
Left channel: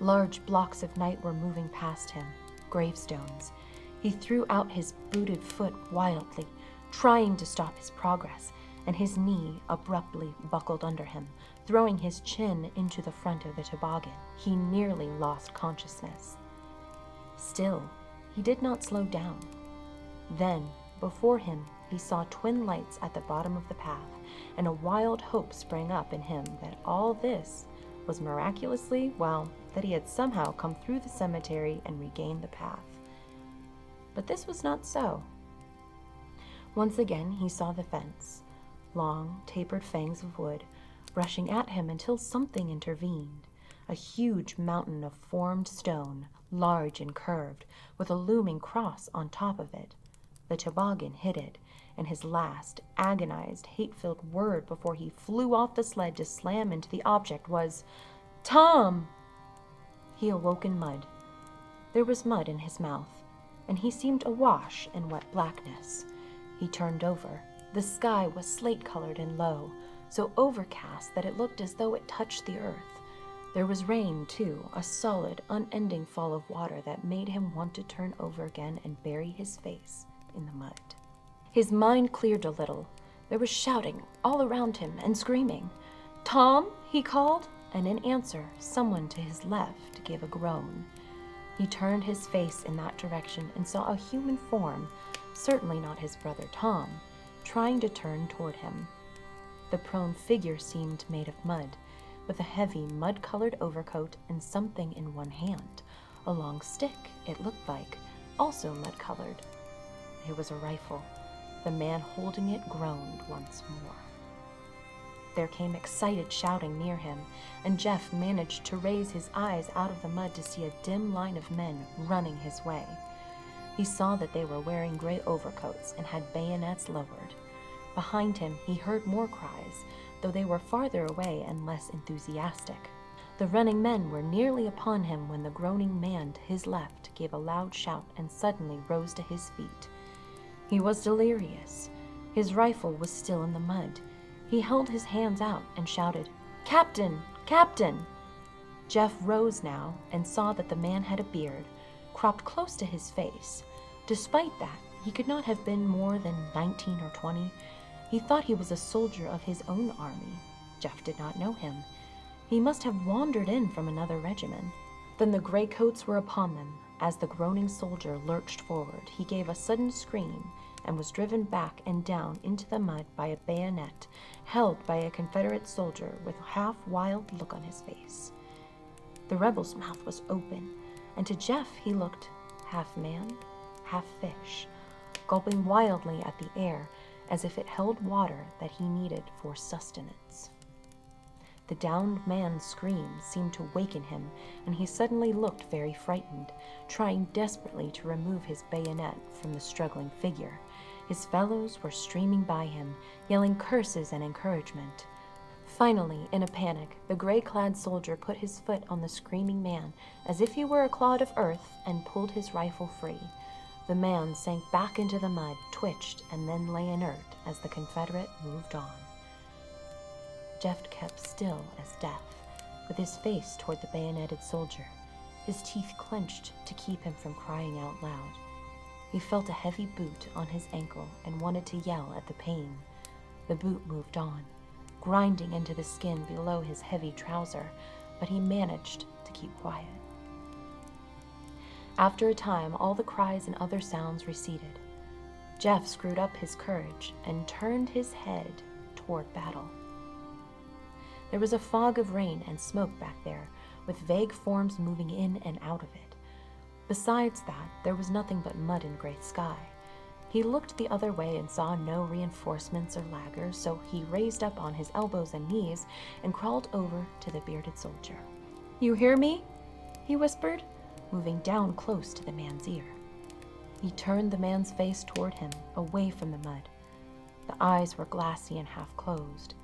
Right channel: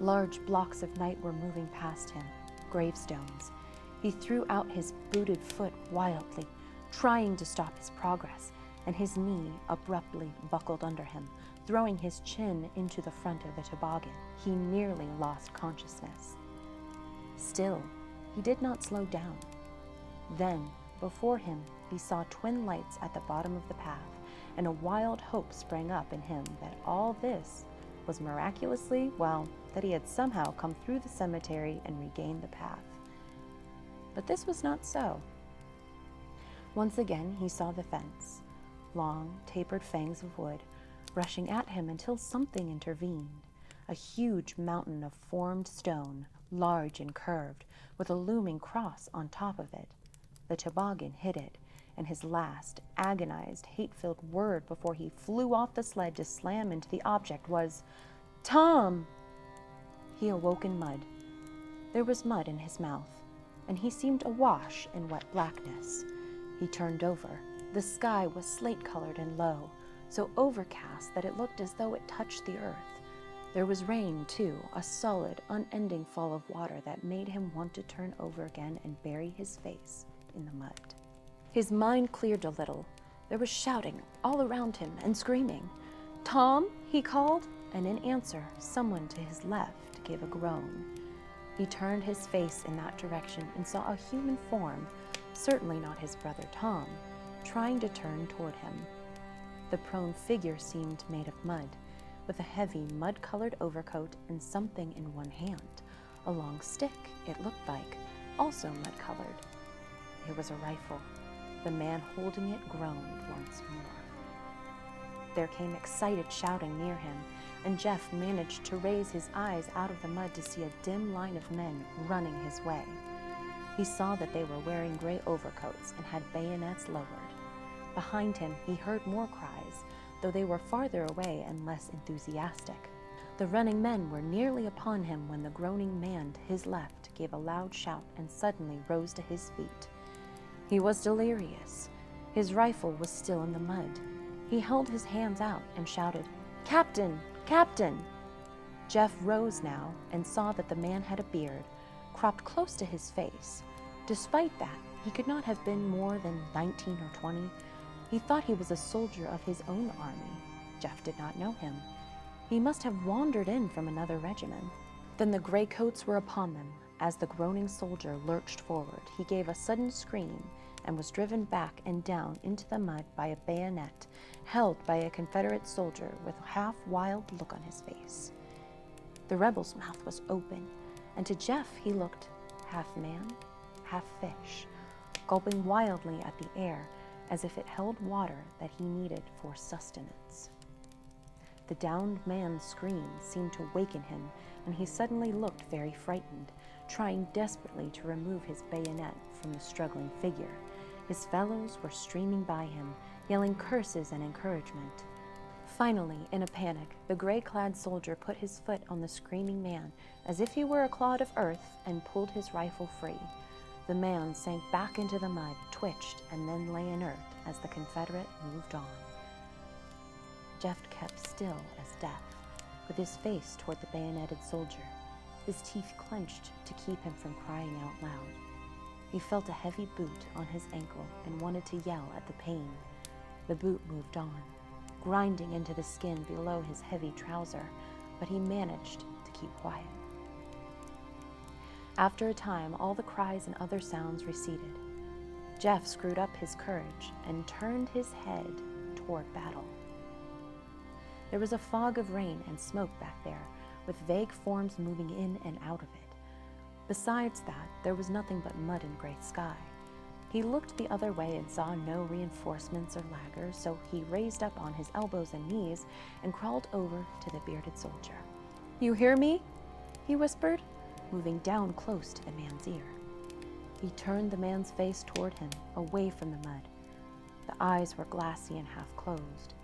Large blocks of night were moving past him, gravestones. He threw out his booted foot wildly, trying to stop his progress, and his knee abruptly buckled under him, throwing his chin into the front of the toboggan. He nearly lost consciousness. Still, he did not slow down. Then, before him, he saw twin lights at the bottom of the path, and a wild hope sprang up in him that all this was miraculously, that he had somehow come through the cemetery and regained the path. But this was not so. Once again, he saw the fence, long, tapered fangs of wood, rushing at him until something intervened, a huge mountain of formed stone, large and curved, with a looming cross on top of it. The toboggan hit it, and his last, agonized, hate-filled word before he flew off the sled to slam into the object was, "Tom!" He awoke in mud. There was mud in his mouth, and he seemed awash in wet blackness. He turned over. The sky was slate-colored and low, so overcast that it looked as though it touched the earth. There was rain, too, a solid, unending fall of water that made him want to turn over again and bury his face in the mud. His mind cleared a little. There was shouting all around him and screaming. "Tom!" he called, and in answer, someone to his left gave a groan. He turned his face in that direction and saw a human form, certainly not his brother Tom, trying to turn toward him. The prone figure seemed made of mud, with a heavy mud-colored overcoat and something in one hand, a long stick, it looked like, also mud-colored. It was a rifle. The man holding it groaned once more. There came excited shouting near him, and Jeff managed to raise his eyes out of the mud to see a dim line of men running his way. He saw that they were wearing gray overcoats and had bayonets lowered. Behind him, he heard more cries, though they were farther away and less enthusiastic. The running men were nearly upon him when the groaning man to his left gave a loud shout and suddenly rose to his feet. He was delirious. His rifle was still in the mud. He held his hands out and shouted, "Captain! Captain!" Jeff rose now and saw that the man had a beard, cropped close to his face. Despite that, he could not have been more than 19 or 20. He thought he was a soldier of his own army. Jeff did not know him. He must have wandered in from another regiment. Then the gray coats were upon them. As the groaning soldier lurched forward, he gave a sudden scream and was driven back and down into the mud by a bayonet held by a Confederate soldier with a half-wild look on his face. The rebel's mouth was open, and to Jeff he looked half man, half fish. gulping wildly at the air as if it held water that he needed for sustenance. The downed man's scream seemed to waken him, and he suddenly looked very frightened, trying desperately to remove his bayonet from the struggling figure. His fellows were streaming by him, yelling curses and encouragement. Finally, in a panic, the gray-clad soldier put his foot on the screaming man as if he were a clod of earth and pulled his rifle free. The man sank back into the mud, twitched, and then lay inert as the Confederate moved on. Jeff kept still as death, with his face toward the bayoneted soldier, his teeth clenched to keep him from crying out loud. He felt a heavy boot on his ankle and wanted to yell at the pain. The boot moved on, grinding into the skin below his heavy trouser, but he managed to keep quiet. After a time, all the cries and other sounds receded. Jeff screwed up his courage and turned his head toward battle. There was a fog of rain and smoke back there, with vague forms moving in and out of it. Besides that, there was nothing but mud and gray sky. He looked the other way and saw no reinforcements or laggers, so he raised up on his elbows and knees and crawled over to the bearded soldier. "You hear me?" he whispered, moving down close to the man's ear. He turned the man's face toward him, away from the mud. The eyes were glassy and half closed.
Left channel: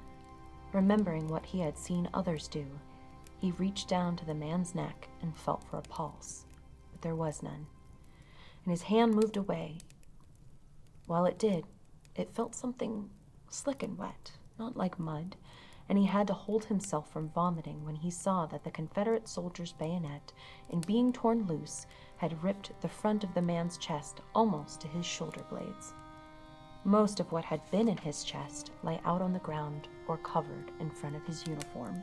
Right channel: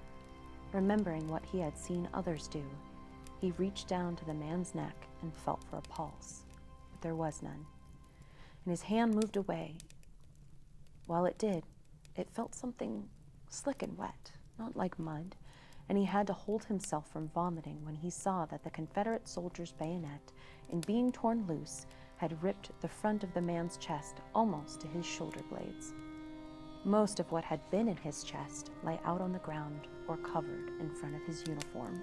Remembering what he had seen others do, he reached down to the man's neck and felt for a pulse, but there was none. And his hand moved away. While it did, it felt something slick and wet, not like mud, and he had to hold himself from vomiting when he saw that the Confederate soldier's bayonet, in being torn loose, had ripped the front of the man's chest almost to his shoulder blades. Most of what had been in his chest lay out on the ground or covered in front of his uniform.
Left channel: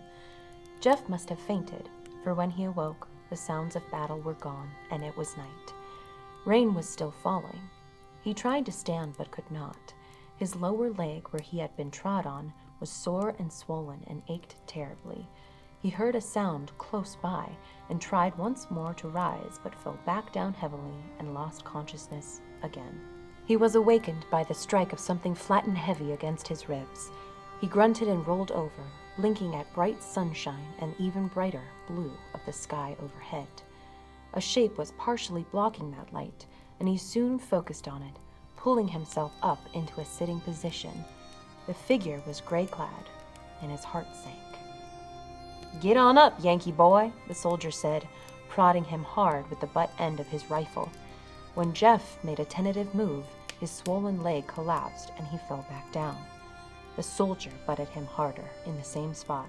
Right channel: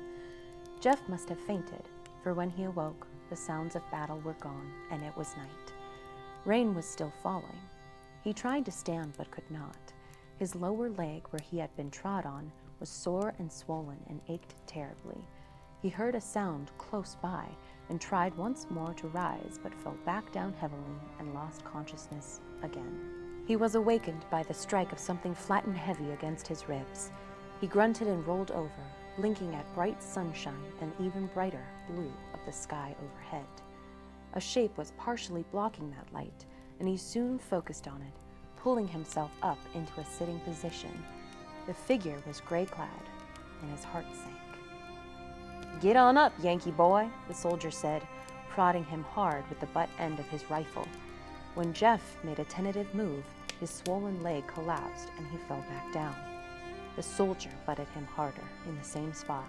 Jeff must have fainted, for when he awoke, the sounds of battle were gone, and it was night. Rain was still falling. He tried to stand but could not. His lower leg, where he had been trod on, was sore and swollen and ached terribly. He heard a sound close by and tried once more to rise, but fell back down heavily and lost consciousness again. He was awakened by the strike of something flat and heavy against his ribs. He grunted and rolled over, blinking at bright sunshine and even brighter blue of the sky overhead. A shape was partially blocking that light, and he soon focused on it, pulling himself up into a sitting position. The figure was gray-clad, and his heart sank. "Get on up, Yankee boy," the soldier said, prodding him hard with the butt end of his rifle. When Jeff made a tentative move, his swollen leg collapsed and he fell back down. The soldier butted him harder in the same spot.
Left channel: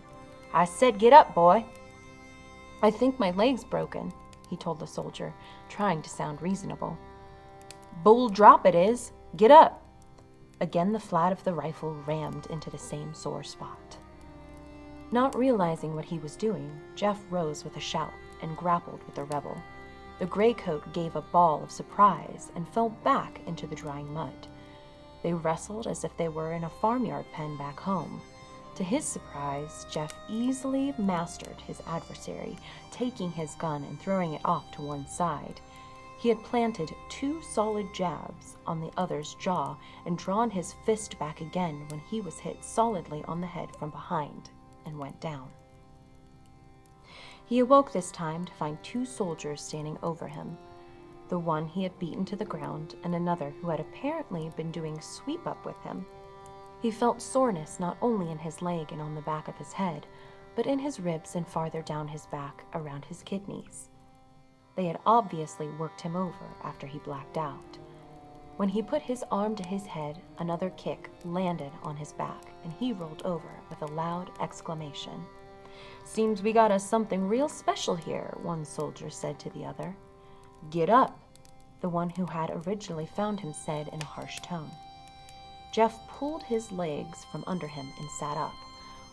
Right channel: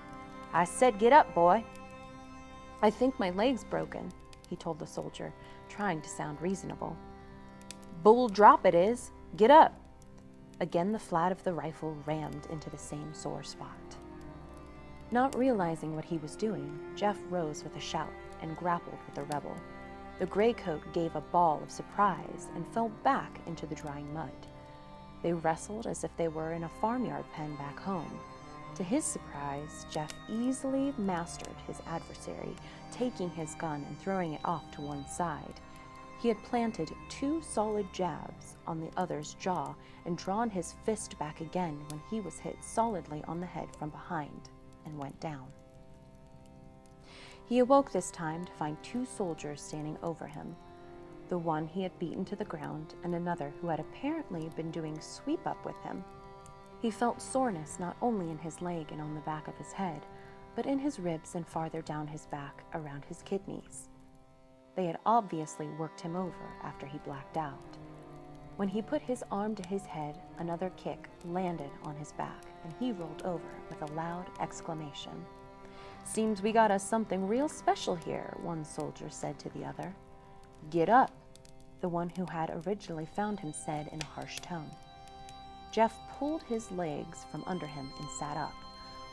"I said get up, boy." "I think my leg's broken," he told the soldier, trying to sound reasonable. "Bull drop it is. Get up." Again the flat of the rifle rammed into the same sore spot. Not realizing what he was doing, Jeff rose with a shout and grappled with the rebel. The gray coat gave a bawl of surprise and fell back into the drying mud. They wrestled as if they were in a farmyard pen back home. To his surprise, Jeff easily mastered his adversary, taking his gun and throwing it off to one side. He had planted 2 solid jabs on the other's jaw and drawn his fist back again when he was hit solidly on the head from behind and went down. He awoke this time to find 2 soldiers standing over him. The one he had beaten to the ground and another who had apparently been doing sweep-up with him. He felt soreness not only in his leg and on the back of his head, but in his ribs and farther down his back around his kidneys. They had obviously worked him over after he blacked out. When he put his arm to his head, another kick landed on his back, and he rolled over with a loud exclamation. "Seems we got us something real special here," one soldier said to the other. "Get up," the one who had originally found him said in a harsh tone. Jeff pulled his legs from under him and sat up,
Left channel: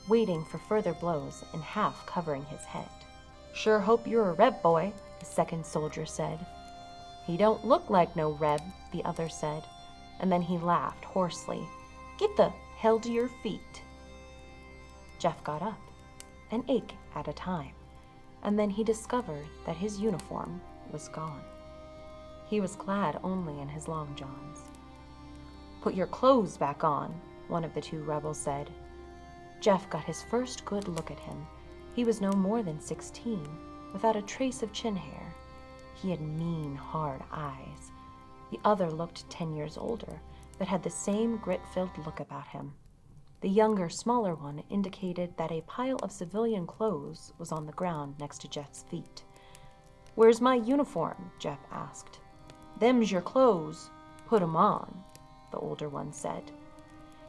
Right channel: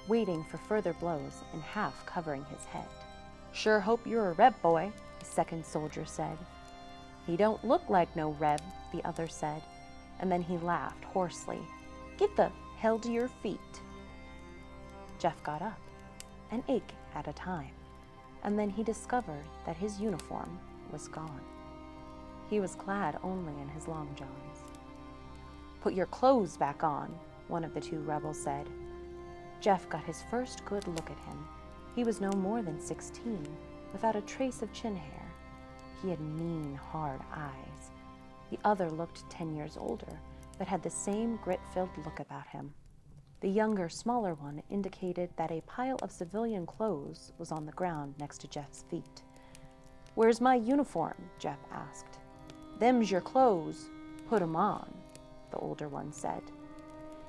waiting for further blows and half covering his head. "Sure hope you're a Reb, boy," the second soldier said. "He don't look like no Reb," the other said, and then he laughed hoarsely. "Get the hell to your feet." Jeff got up, an ache at a time, and then he discovered that his uniform was gone. He was clad only in his long johns. "Put your clothes back on," one of the two rebels said. Jeff got his first good look at him. He was no more than 16, without a trace of chin hair. He had mean, hard eyes. The other looked 10 years older, but had the same grit-filled look about him. The younger, smaller one indicated that a pile of civilian clothes was on the ground next to Jeff's feet. "Where's my uniform?" Jeff asked. "Them's your clothes. Put 'em on," the older one said.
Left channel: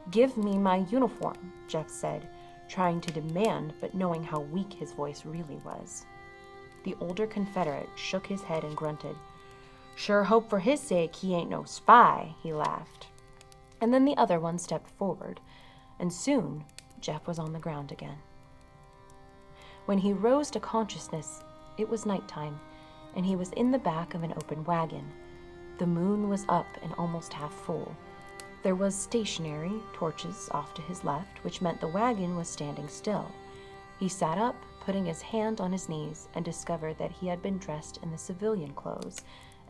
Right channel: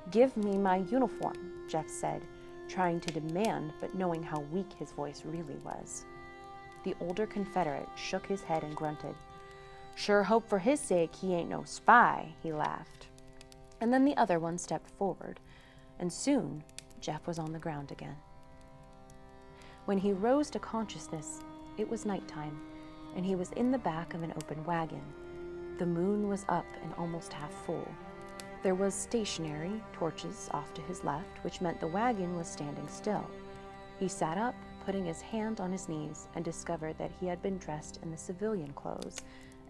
"Give me my uniform," Jeff said, trying to demand but knowing how weak his voice really was. The older Confederate shook his head and grunted. "Sure hope for his sake he ain't no spy," he laughed. And then the other one stepped forward, and soon Jeff was on the ground again. When he rose to consciousness, it was nighttime, and he was in the back of an open wagon. The moon was up and almost half full. There was stationary torches off to his left, which meant the wagon was standing still. He sat up, putting his hand on his knees, and discovered that he had been dressed in the civilian clothes,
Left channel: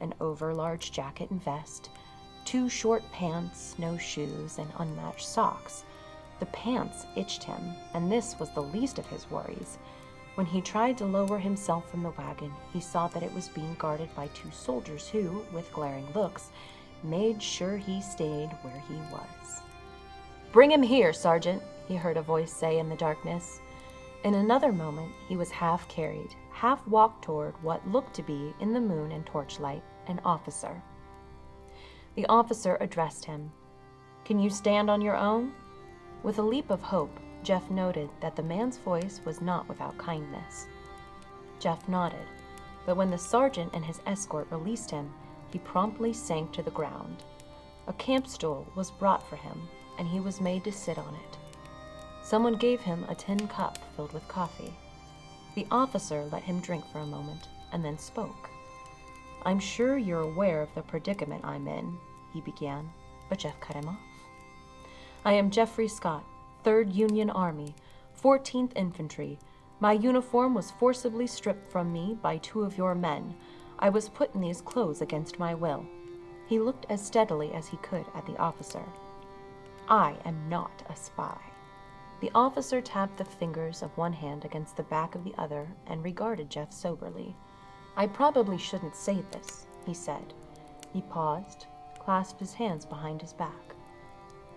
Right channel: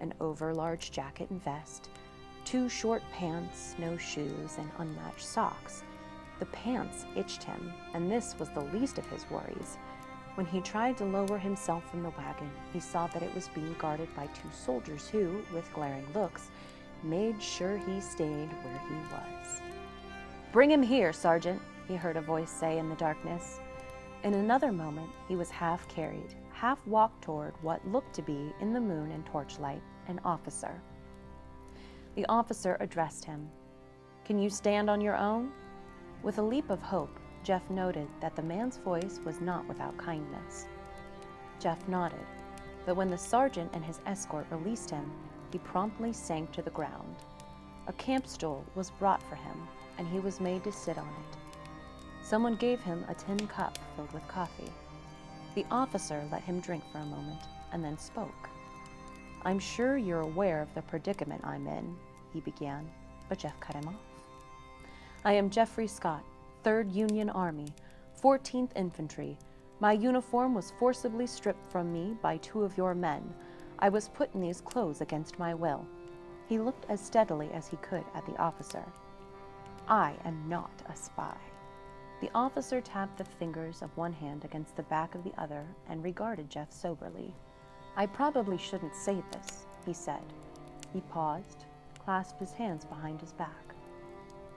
an overlarge jacket and vest, 2 short pants, no shoes, and unmatched socks. The pants itched him, and this was the least of his worries. When he tried to lower himself from the wagon, he saw that it was being guarded by 2 soldiers who, with glaring looks, made sure he stayed where he was. "Bring him here, Sergeant," he heard a voice say in the darkness. In another moment, he was half carried, half walked toward what looked to be, in the moon and torchlight, an officer. The officer addressed him. "Can you stand on your own?" With a leap of hope, Jeff noted that the man's voice was not without kindness. Jeff nodded, but when the sergeant and his escort released him, he promptly sank to the ground. A camp stool was brought for him, and he was made to sit on it. Someone gave him a tin cup filled with coffee. The officer let him drink for a moment, and then spoke. "I'm sure you're aware of the predicament I'm in," he began, but Jeff cut him off. "I am Jeffrey Scott, 3rd Union Army, 14th Infantry. My uniform was forcibly stripped from me by 2 of your men. I was put in these clothes against my will." He looked as steadily as he could at the officer. "I am not a spy." The officer tapped the fingers of one hand against the back of the other and regarded Jeff soberly. "I probably shouldn't say this," he said. He paused, clasped his hands behind his back.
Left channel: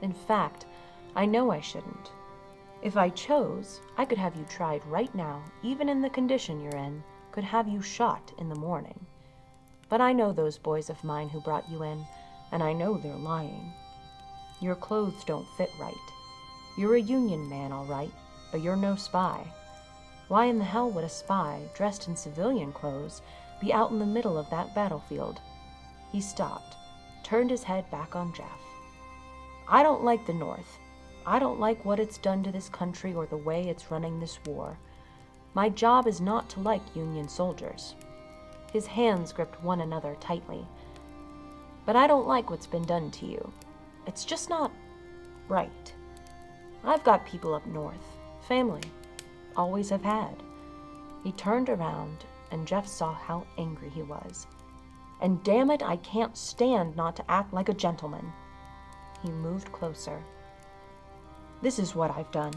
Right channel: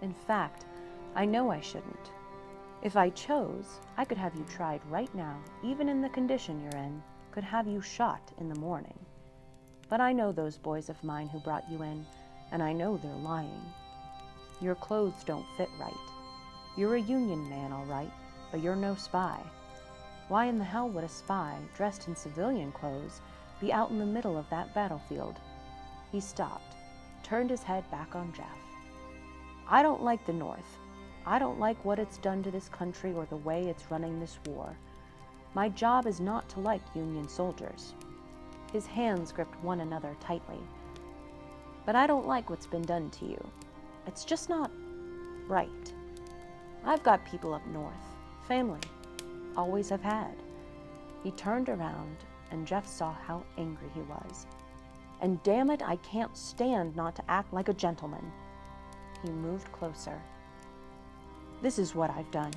"In fact, I know I shouldn't. If I chose, I could have you tried right now, even in the condition you're in, could have you shot in the morning. But I know those boys of mine who brought you in, and I know they're lying. Your clothes don't fit right. You're a Union man, all right, but you're no spy. Why in the hell would a spy, dressed in civilian clothes, be out in the middle of that battlefield?" He stopped, turned his head back on Jeff. "I don't like the North. I don't like what it's done to this country or the way it's running this war. My job is not to like Union soldiers." His hands gripped one another tightly. "But I don't like what's been done to you. It's just not right. I've got people up north, family, always have had." He turned around, and Jeff saw how angry he was. "And damn it, I can't stand not to act like a gentleman." He moved closer. "This is what I've done.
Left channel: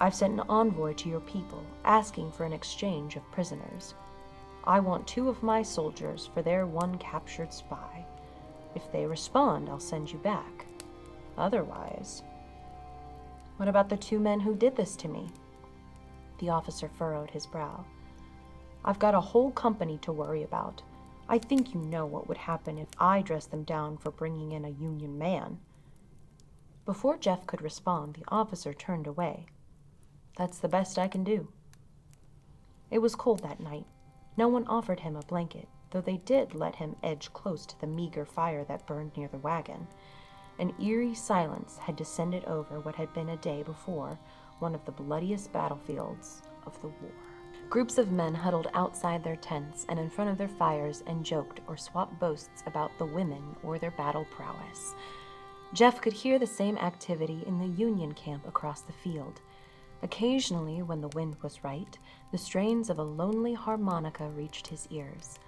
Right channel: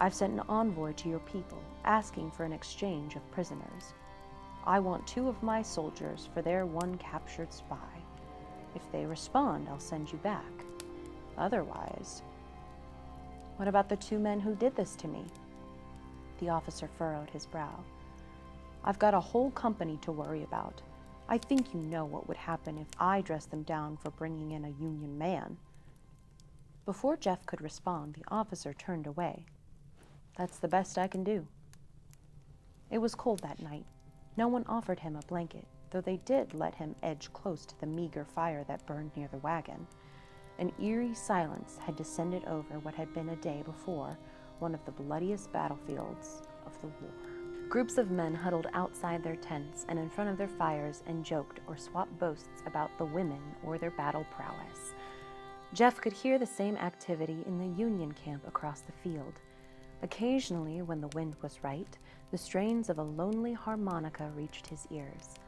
I've sent an envoy to your people, asking for an exchange of prisoners. I want 2 of my soldiers for their 1 captured spy. If they respond, I'll send you back. Otherwise—" "What about the 2 men who did this to me?" The officer furrowed his brow. "I've got a whole company to worry about. I think you know what would happen if I dressed them down for bringing in a Union man." Before Jeff could respond, the officer turned away. "That's the best I can do." It was cold that night. No one offered him a blanket, though they did let him edge close to the meager fire that burned near the wagon. An eerie silence had descended over what had been a day before, one of the bloodiest battlefields of the war. Groups of men huddled outside their tents and in front of their fires and joked or swapped boasts about the women or their battle prowess. Jeff could hear the same activity in the Union camp across the field. Occasionally, when the wind was right, the strains of a lonely harmonica reached his ears.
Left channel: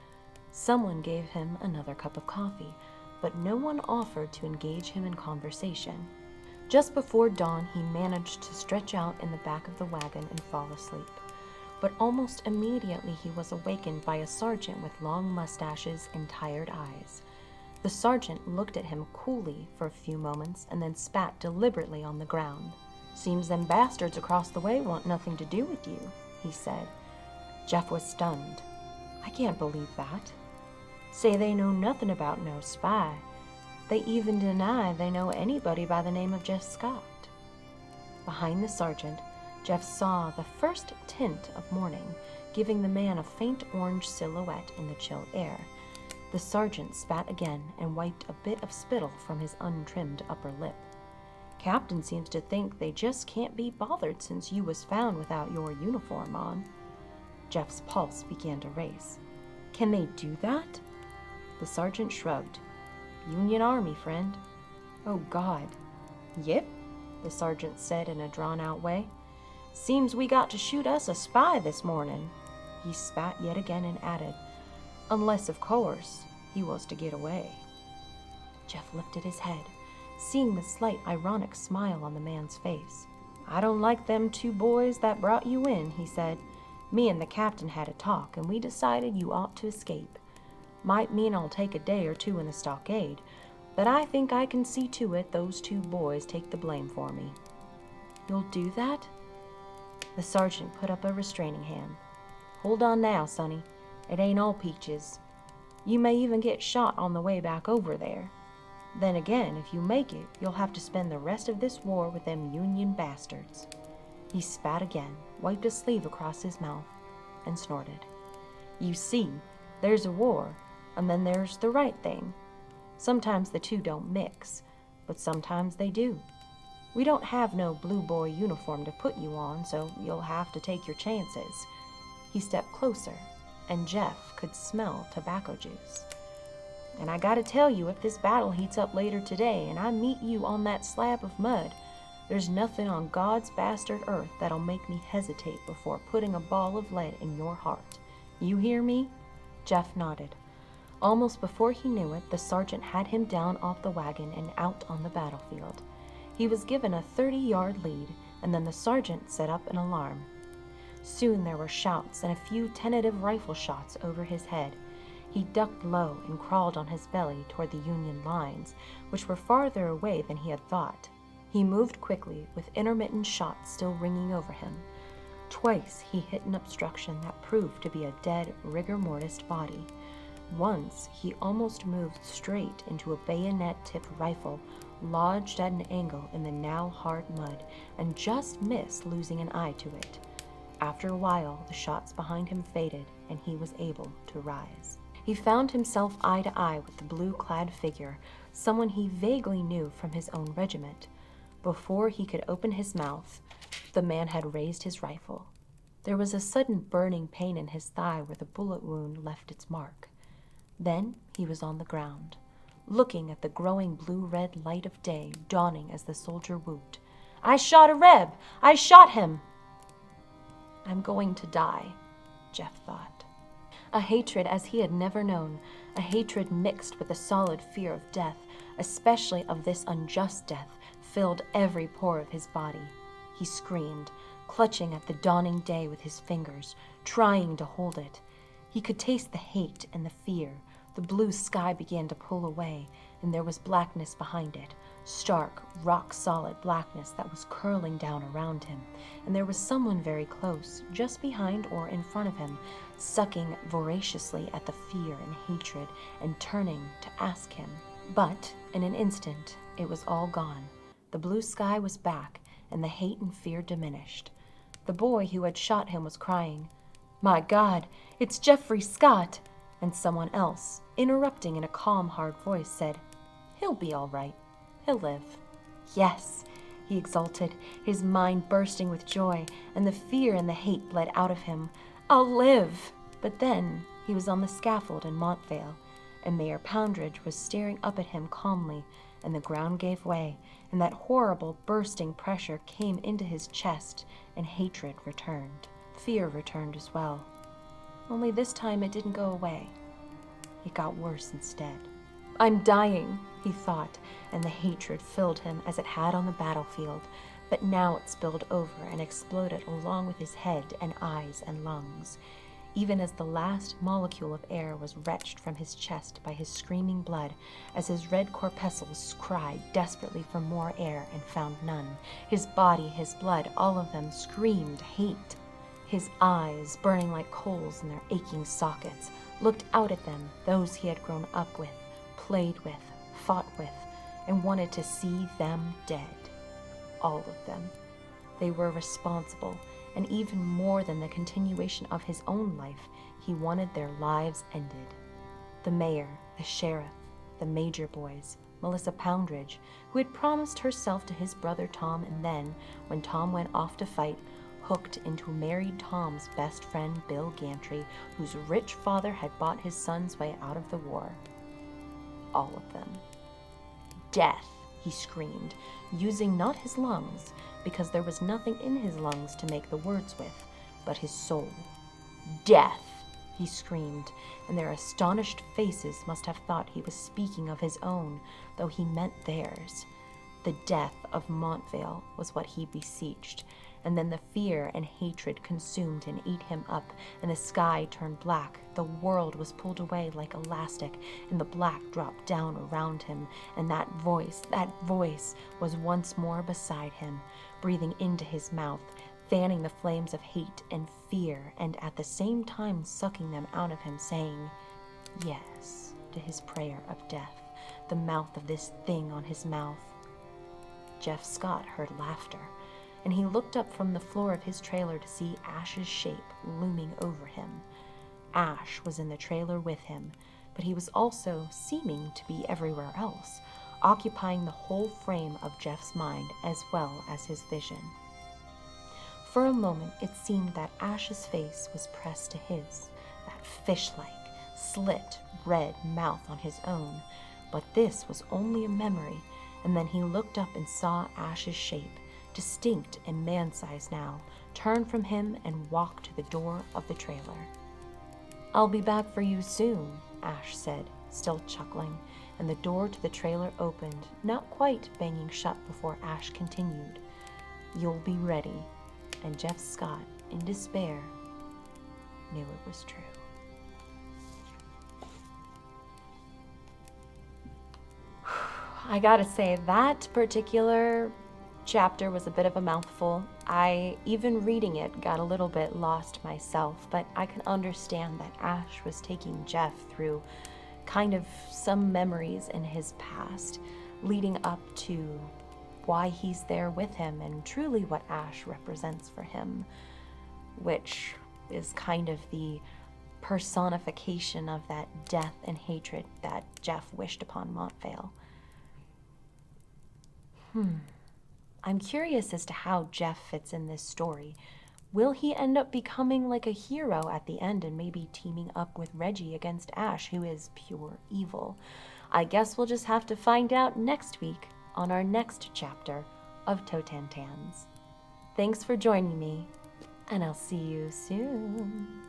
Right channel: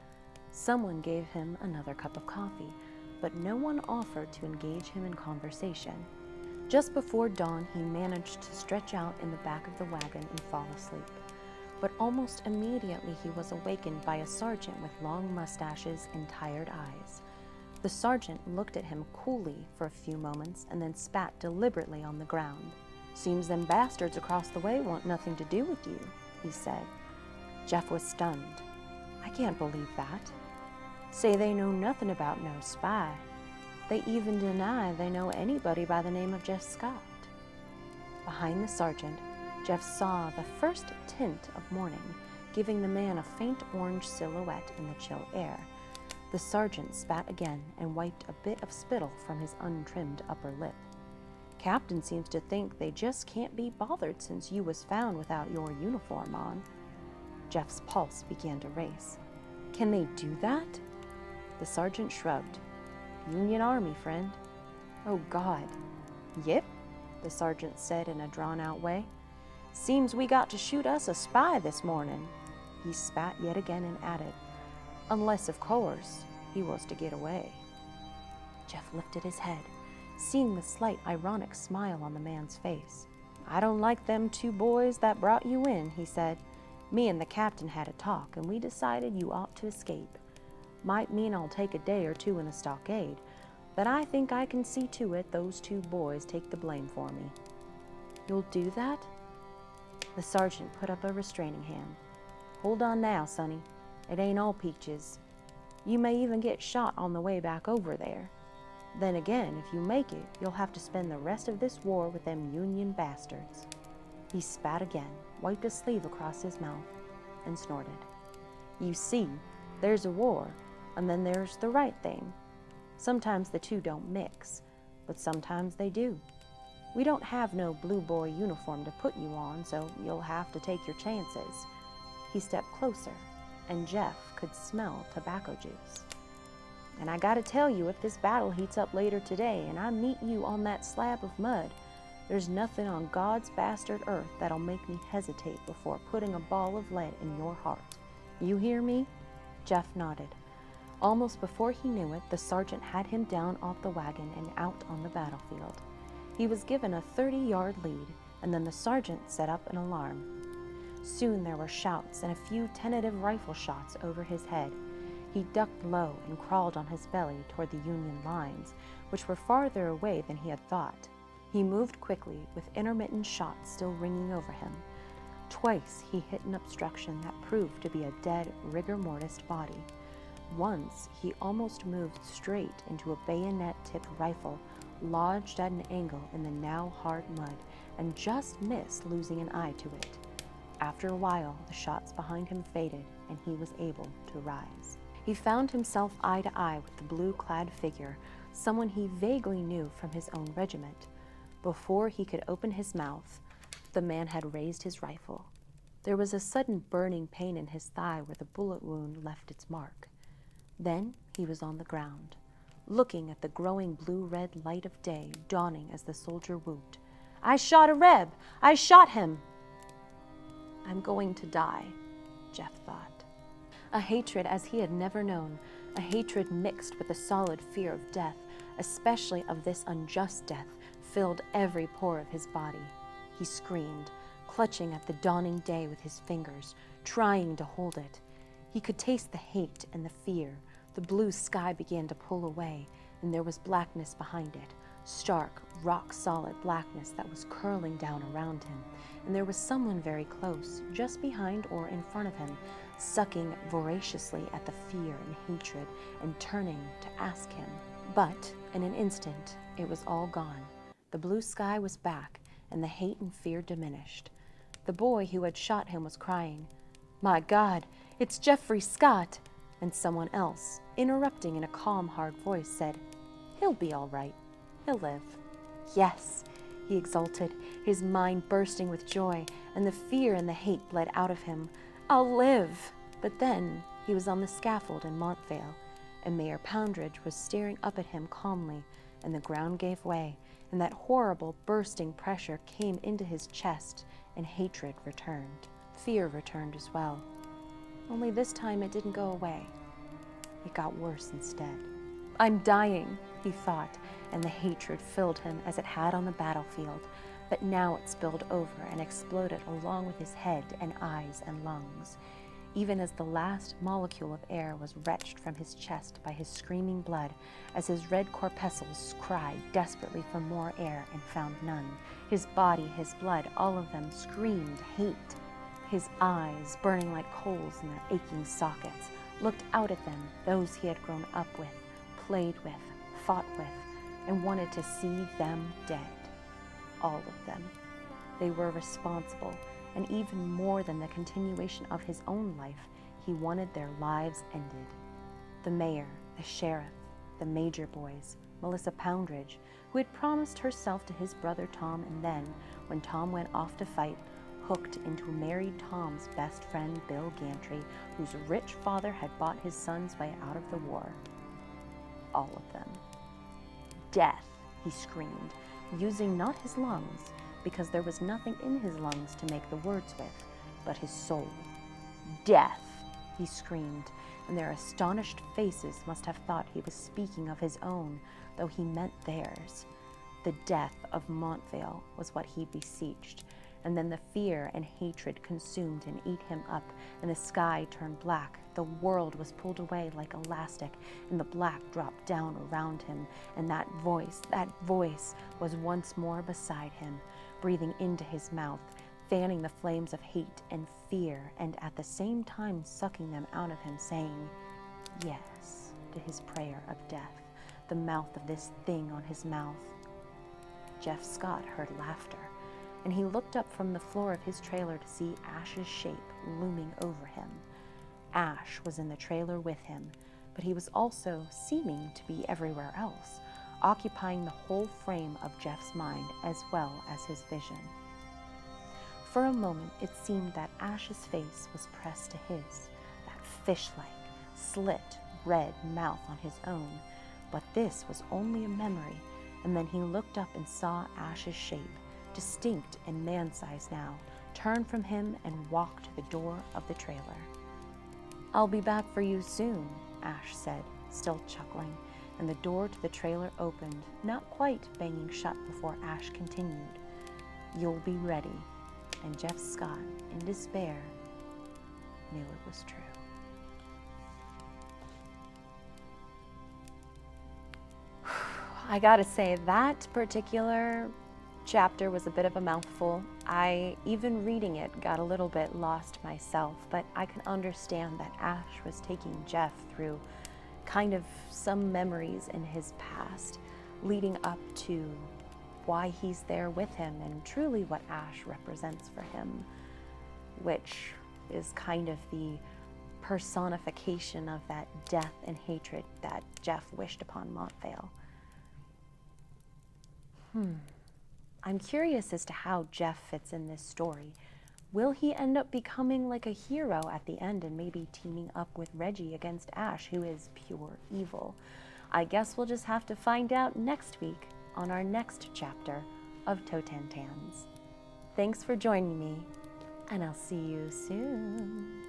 Someone gave him another cup of coffee, but no one offered to engage him in conversation. Just before dawn, he managed to stretch out in the back of the wagon and fall asleep. But almost immediately he was awakened by a sergeant with long mustaches and tired eyes. The sergeant looked at him coolly for a few moments and then spat deliberately on the ground. "Seems them bastards across the way want nothing to do with you," he said. Jeff was stunned. "I can't believe that. Say they know nothing about no spy. They even deny they know anybody by the name of Jeff Scott." Behind the sergeant, Jeff saw the first tint of morning, giving the man a faint orange silhouette in the chill air. The sergeant spat again and wiped a bit of spittle from his untrimmed upper lip. "Captain seems to think they just can't be bothered since you was found without your uniform on." Jeff's pulse began to race. "Can they do that?" The sergeant shrugged. "Union Army, friend." "Oh, God." "Yep," the sergeant said in a drawn-out way. "Seems we got to shoot us a spy this morning." He spat yet again and added, "Unless, of course, he was to get away." Jeff lifted his head, seeing the slight ironic smile on the man's face. "I don't like them two boys that brought you in," he said. "Me and the captain had a talk, and we decided you ought to escape. Might mean I'll take a day or two in the stockade, but I think I can see to it those two boys take the blame for me." "You'll do that?" The sergeant put up a restraining hand. "Hold on now, sonny. It ain't all peaches. You may even get shot on the way back over there. Then again, if you make it, you'll have to spend the rest of this war with them Union bastards." He spat again, wiped a sleeve across his mouth, and snorted. "You see, there's a war, and then there's the right thing. Sometimes the two don't mix, but sometimes they do. We don't have no blue boy uniform to put you on, so you'll have to take your chances." He stepped closer, and Jeff could smell tobacco juice. "And I gotta tell you, if this battle heats up later today and I meet you on that slab of mud, there's nothing on God's bastard earth that'll make me hesitate before putting a ball of lead in your heart. You hear me?" Jeff nodded. Almost before he knew it, the sergeant had him down off the wagon and out on the battlefield. He was given a 30-yard lead, and then the sergeant set up an alarm. Soon there were shouts and a few tentative rifle shots over his head. He ducked low and crawled on his belly toward the Union lines, which were farther away than he had thought. He moved quickly, with intermittent shots still ringing over him. Twice he hit an obstruction that proved to be a dead rigor mortis body. Once he almost moved straight into a bayonet-tipped rifle, lodged at an angle in the now hard mud, and just missed losing an eye to it. After a while, the shots behind him faded, and he was able to rise. He found himself eye to eye with the blue-clad figure, someone he vaguely knew from his own regiment. Before he could open his mouth, the man had raised his rifle. There was a sudden burning pain in his thigh where the bullet wound left its mark. Then he was on the ground, looking at the growing blue-red light of day dawning as the soldier whooped, "I shot a Reb! I shot him!" "I'm going to die," Jeff thought. A hatred as he had never known, a hatred mixed with a solid fear of death, especially of this unjust death, filled every pore of his body. He screamed, clutching at the dawning day with his fingers, trying to hold it. He could taste the hate and the fear. The blue sky began to pull away, and there was blackness behind it, stark, rock-solid blackness that was curling down around him, and there was someone very close, just behind or in front of him, sucking voraciously at the fear and hatred and turning to ask him. But in an instant, it was all gone. The blue sky was back, and the hate and fear diminished. The boy who had shot him was crying, "My God, it's Jeffrey Scott!" And someone else, interrupting in a calm, hard voice, said, "He'll be all right. He'll live." Yes, he exulted, his mind bursting with joy, and the fear and the hate bled out of him. "I'll live!" But then he was on the scaffold in Montvale, and Mayor Poundridge was staring up at him calmly, and the ground gave way, and that horrible bursting pressure came into his chest, and hatred returned. Fear returned as well. Only this time it didn't go away. It got worse instead. I'm dying, he thought, and the hatred filled him as it had on the battlefield. But now it spilled over and exploded along with his head and eyes and lungs. Even as the last molecule of air was wrenched from his chest by his screaming blood, as his red corpuscles cried desperately for more air and found none, his body, his blood, all of them screamed hate. His eyes, burning like coals in their aching sockets, looked out at them, those he had grown up with, played with, fought with, and wanted to see them dead. All of them. They were responsible, and even more than the continuation of his own life, he wanted their lives ended. The mayor, the sheriff, the major boys, Melissa Poundridge, who had promised herself to his brother Tom and then, when Tom went off to fight, hooked into married Tom's best friend Bill Gantry, whose rich father had bought his son's way out of the war. All of them. Death, he screamed, using not his lungs, because there was nothing in his lungs to make the words with, but his soul. Death, he screamed, and their astonished faces must have thought he was speaking of his own, though he meant theirs. The death of Montvale was what he beseeched, and then the fear and hatred consumed and ate him up, and the sky turned black. The world was pulled away like elastic, and the black dropped down around him, and that voice was once more beside him, breathing into his mouth, fanning the flames of hate and fear, and at the same time sucking them out of him, saying yes to his prayer of death, the mouth of this thing on his mouth. Jeff Scott heard laughter, and he looked up from the floor of his trailer to see Ash's shape looming over him. Ash was in the trailer with him, but he was also seeming to be everywhere else, occupying the whole frame of Jeff's mind as well as his vision. For a moment it seemed that Ash's face was pressed to his, that fish-like, slit, red mouth on his own, but this was only a memory, and then he looked up and saw Ash's shape, distinct and man-sized now, turn from him and walk to the door of the trailer. "I'll be back for you soon," Ash said, still chuckling, and the door to the trailer opened, not quite banging shut before Ash continued, "You'll be ready." And Jeff Scott, in despair, knew it was true. I gotta say, that particular chapter was a bit of a mouthful. I, even reading it, got a little bit lost myself, but I can understand that Ash was taking Jeff through kind of some memories in his past, leading up to why he's there with him and truly what Ash represents for him, which is kind of the personification of that death and hatred that Jeff wished upon Montvale. I'm curious as to how Jeff fits in this story. Will he end up becoming like a hero at the end and maybe teaming up with Reggie against Ash, who is pure evil? I guess we'll just have to find out next week on our next chapter of Totentanz. Thanks for joining me, and I'll see you soon.